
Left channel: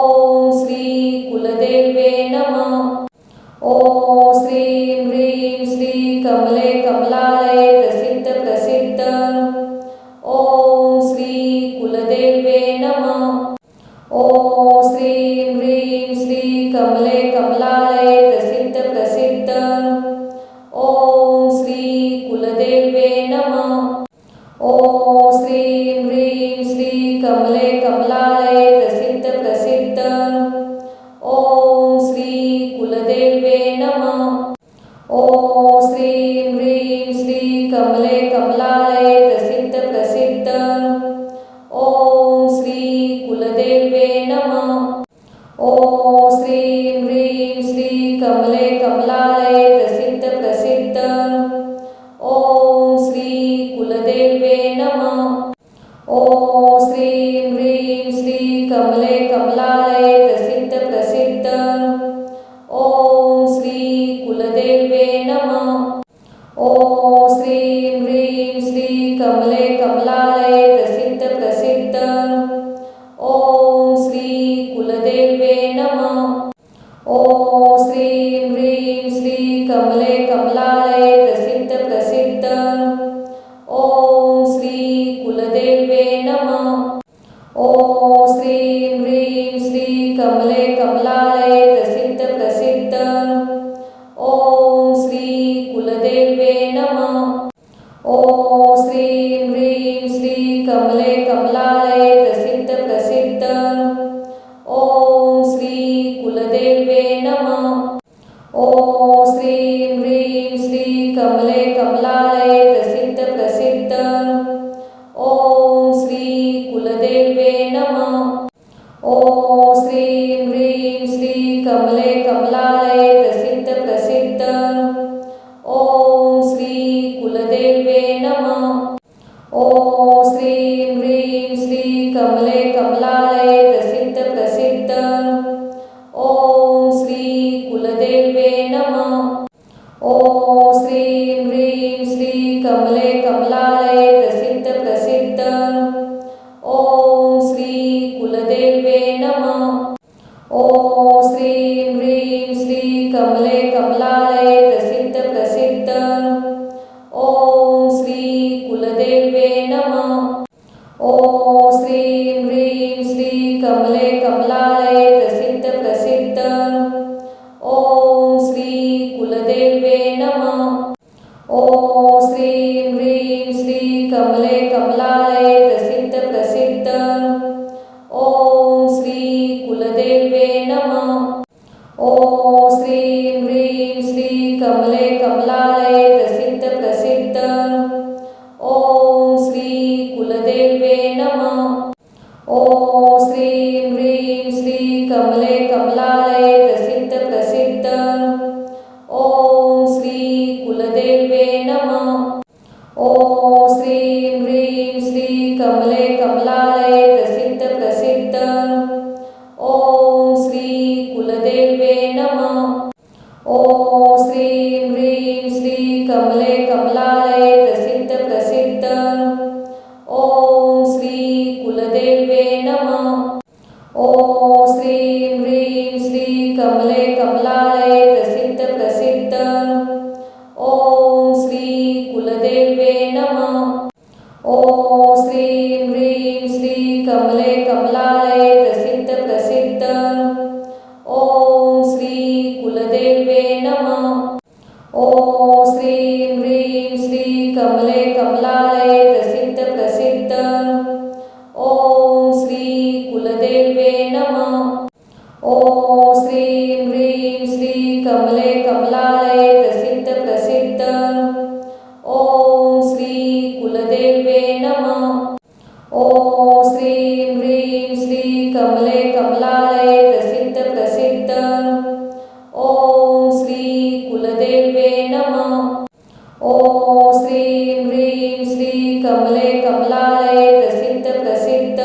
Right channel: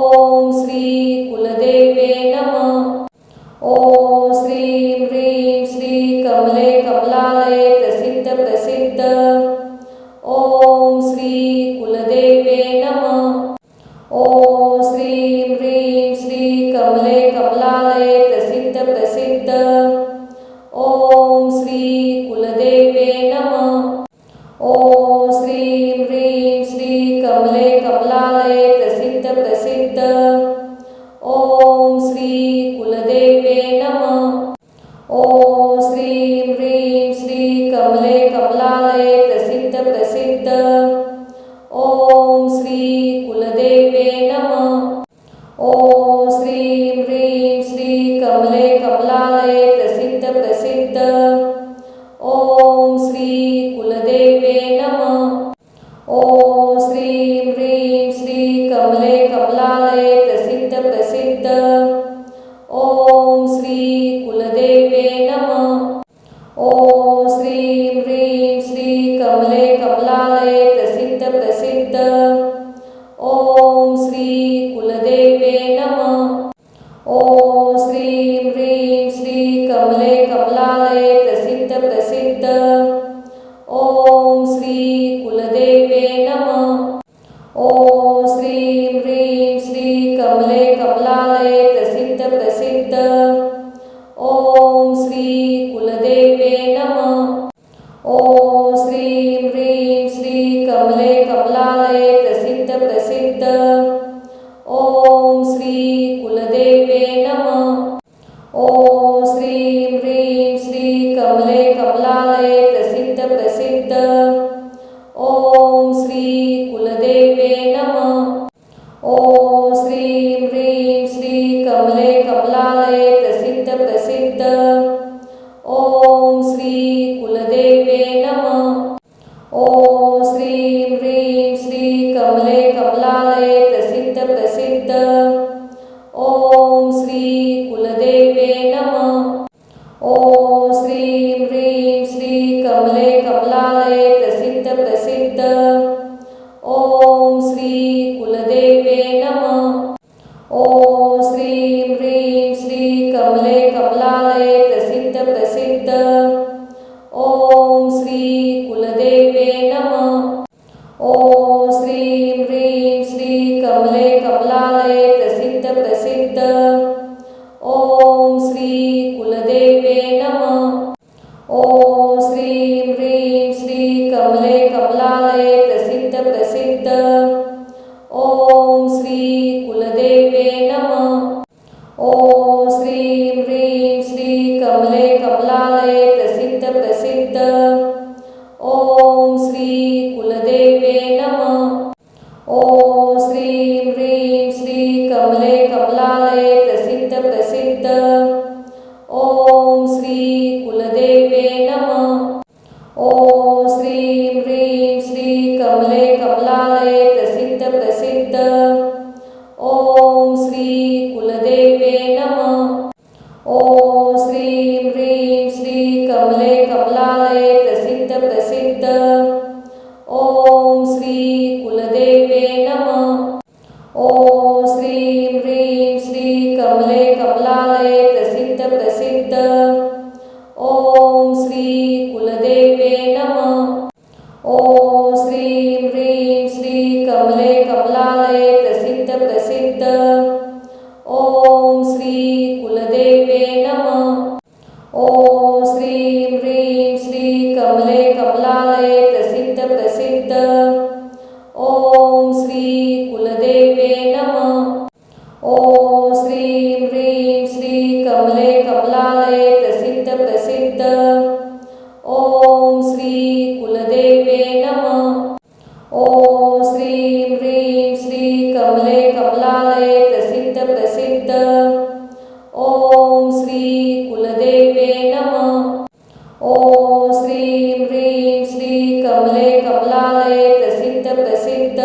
ओम श्री कुलदेवे नमः। ओम श्रीं ह्रीं श्री कमले कमलालये प्रसिद्ध प्रसिद्ध। ओम श्री कुलदेवे नमः। ओम श्रीं ह्रीं श्री कमले कमलालये प्रसिद्ध प्रसिद्ध। ओम श्री कुलदेवे नमः। ओम श्रीं ह्रीं श्री कमले कमलालये प्रसिद्ध प्रसिद्ध। ओम श्री कुलदेवे नमः। ओम श्रीं ह्रीं श्री कमले कमलालये प्रसिद्ध प्रसिद्ध। ओम श्री कुलदेवे नमः। ओम श्रीं ह्रीं श्री कमले कमलालये प्रसिद्ध प्रसिद्ध। ओम श्री कुलदेवे नमः। ओम श्रीं ह्रीं श्री कमले कमलालये प्रसिद्ध प्रसिद्ध। ओम श्री कुलदेवे नमः। ओम श्रीं ह्रीं श्री कमले कमलालये प्रसिद्ध प्रसिद्ध। ओम श्री कुलदेवे नमः। ओम श्रीं ह्रीं श्री कमले कमलालये प्रसिद्ध प्रसिद्ध। ओम श्री कुलदेवे नमः। ओम श्रीं ह्रीं श्री कमले कमलालये प्रसिद्ध प्रसिद्ध। ओम श्री कुलदेवे नमः। ओम श्रीं ह्रीं श्री कमले कमलालये प्रसिद्ध प्रसिद्ध। ओम श्री कुलदेवे नमः। ओम श्रीं ह्रीं श्री कमले कमलालये प्रसिद्ध प्रसिद्ध। ओम श्री कुलदेवे नमः। ओम श्रीं ह्रीं श्री कमले कमलालये प्रसिद्ध प्रसिद्ध। ओम श्री कुलदेवे नमः। ओम श्रीं ह्रीं श्री कमले कमलालये प्रसिद्ध प्रसिद्ध। ओम श्री कुलदेवे नमः। ओम श्रीं ह्रीं श्री कमले कमलालये प्रसिद्ध प्रसिद्ध। ओम श्री कुलदेवे नमः। ओम श्रीं ह्रीं श्री कमले कमलालये प्रसिद्ध प्रसिद्ध। ओम श्री कुलदेवे नमः। ओम श्रीं ह्रीं श्री कमले कमलालये प्रसिद्ध प्रसिद्ध। ओम श्री कुलदेवे नमः। ओम श्रीं ह्रीं श्री कमले कमलालये प्रसिद्ध प्रसिद्ध। ओम ॐ श्री कुलदेवे नमः। ॐ श्रीं ह्रीं श्री कमले कमलालये प्रसिद्ध प्रसिद्ध। ॐ श्री कुलदेवे नमः। ॐ श्रीं ह्रीं श्री कमले कमलालये प्रसिद्ध प्रसिद्ध। ॐ श्री कुलदेवे नमः। ॐ श्रीं ह्रीं श्री कमले कमलालये प्रसिद्ध प्रसिद्ध। ॐ श्री कुलदेवे नमः। ॐ श्रीं ह्रीं श्री कमले कमलालये प्रसिद्ध प्रसिद्ध। ॐ श्री कुलदेवे नमः। ॐ श्रीं ह्रीं श्री कमले कमलालये प्रसिद्ध प्रसिद्ध। ॐ श्री कुलदेवे नमः। ॐ श्रीं ह्रीं श्री कमले कमलालये प्रसिद्ध प्रसिद्ध। ॐ श्री कुलदेवे नमः। ॐ श्रीं ह्रीं श्री कमले कमलालये प्रसिद्ध प्रसिद्ध। ॐ श्री कुलदेवे नमः। ॐ श्रीं ह्रीं श्री कमले कमलालये प्रसिद्ध प्रसिद्ध। ॐ श्री कुलदेवे नमः। ॐ श्रीं ह्रीं श्री कमले कमलालये प्रसिद्ध प्रसिद्ध। ॐ श्री कुलदेवे नमः। ॐ श्रीं ह्रीं श्री कमले कमलालये प्रसिद्ध प्रसिद्ध।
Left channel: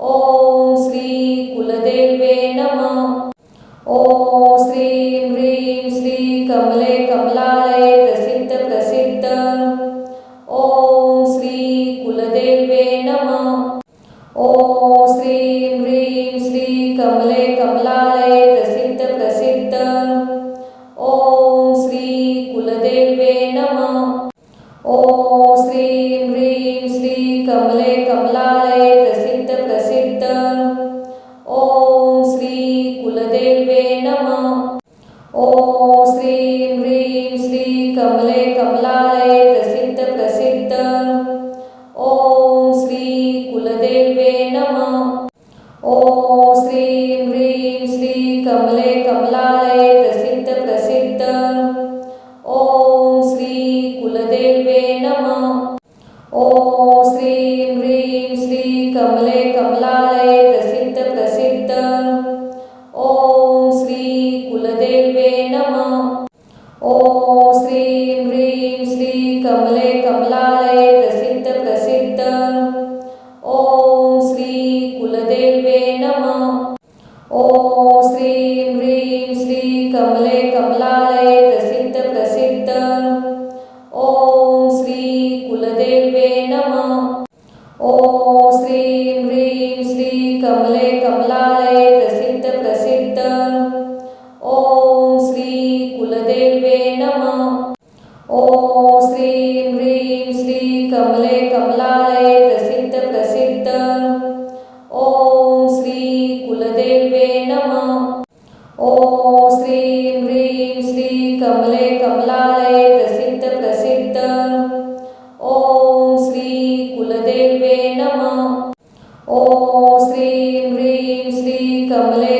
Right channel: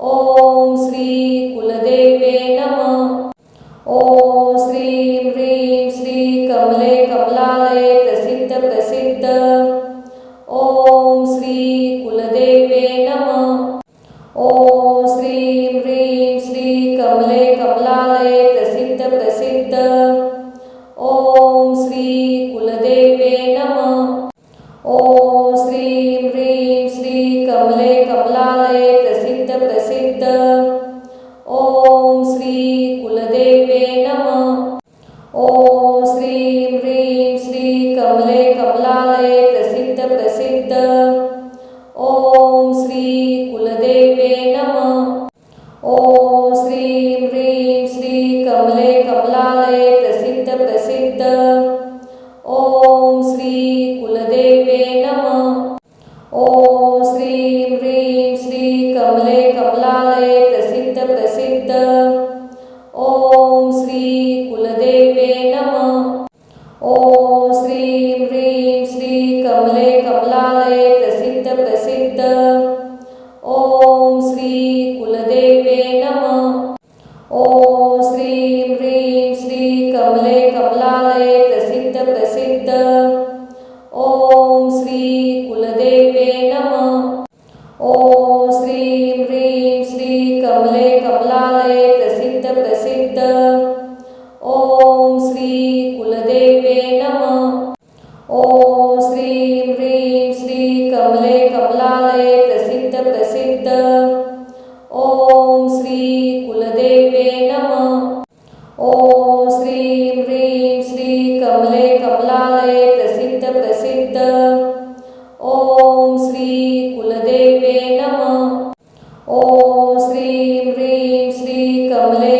ॐ श्री कुलदेवे नमः। ॐ श्रीं ह्रीं श्री कमले कमलालये प्रसिद्ध प्रसिद्ध। ॐ श्री कुलदेवे नमः। ॐ श्रीं ह्रीं श्री कमले कमलालये प्रसिद्ध प्रसिद्ध। ॐ श्री कुलदेवे नमः। ॐ श्रीं ह्रीं श्री कमले कमलालये प्रसिद्ध प्रसिद्ध। ॐ श्री कुलदेवे नमः। ॐ श्रीं ह्रीं श्री कमले कमलालये प्रसिद्ध प्रसिद्ध। ॐ श्री कुलदेवे नमः। ॐ श्रीं ह्रीं श्री कमले कमलालये प्रसिद्ध प्रसिद्ध। ॐ श्री कुलदेवे नमः। ॐ श्रीं ह्रीं श्री कमले कमलालये प्रसिद्ध प्रसिद्ध। ॐ श्री कुलदेवे नमः। ॐ श्रीं ह्रीं श्री कमले कमलालये प्रसिद्ध प्रसिद्ध। ॐ श्री कुलदेवे नमः। ॐ श्रीं ह्रीं श्री कमले कमलालये प्रसिद्ध प्रसिद्ध। ॐ श्री कुलदेवे नमः। ॐ श्रीं ह्रीं श्री कमले कमलालये प्रसिद्ध प्रसिद्ध। ॐ श्री कुलदेवे नमः। ॐ श्रीं ह्रीं श्री कमले कमलालये प्रसिद्ध प्रसिद्ध। ॐ श्री कुलदेवे नमः। ॐ श्रीं ह्रीं श्री कमले कमलालये प्रसिद्ध प्रसिद्ध। ॐ श्री कुलदेवे नमः। ॐ श्रीं ह्रीं श्री कमले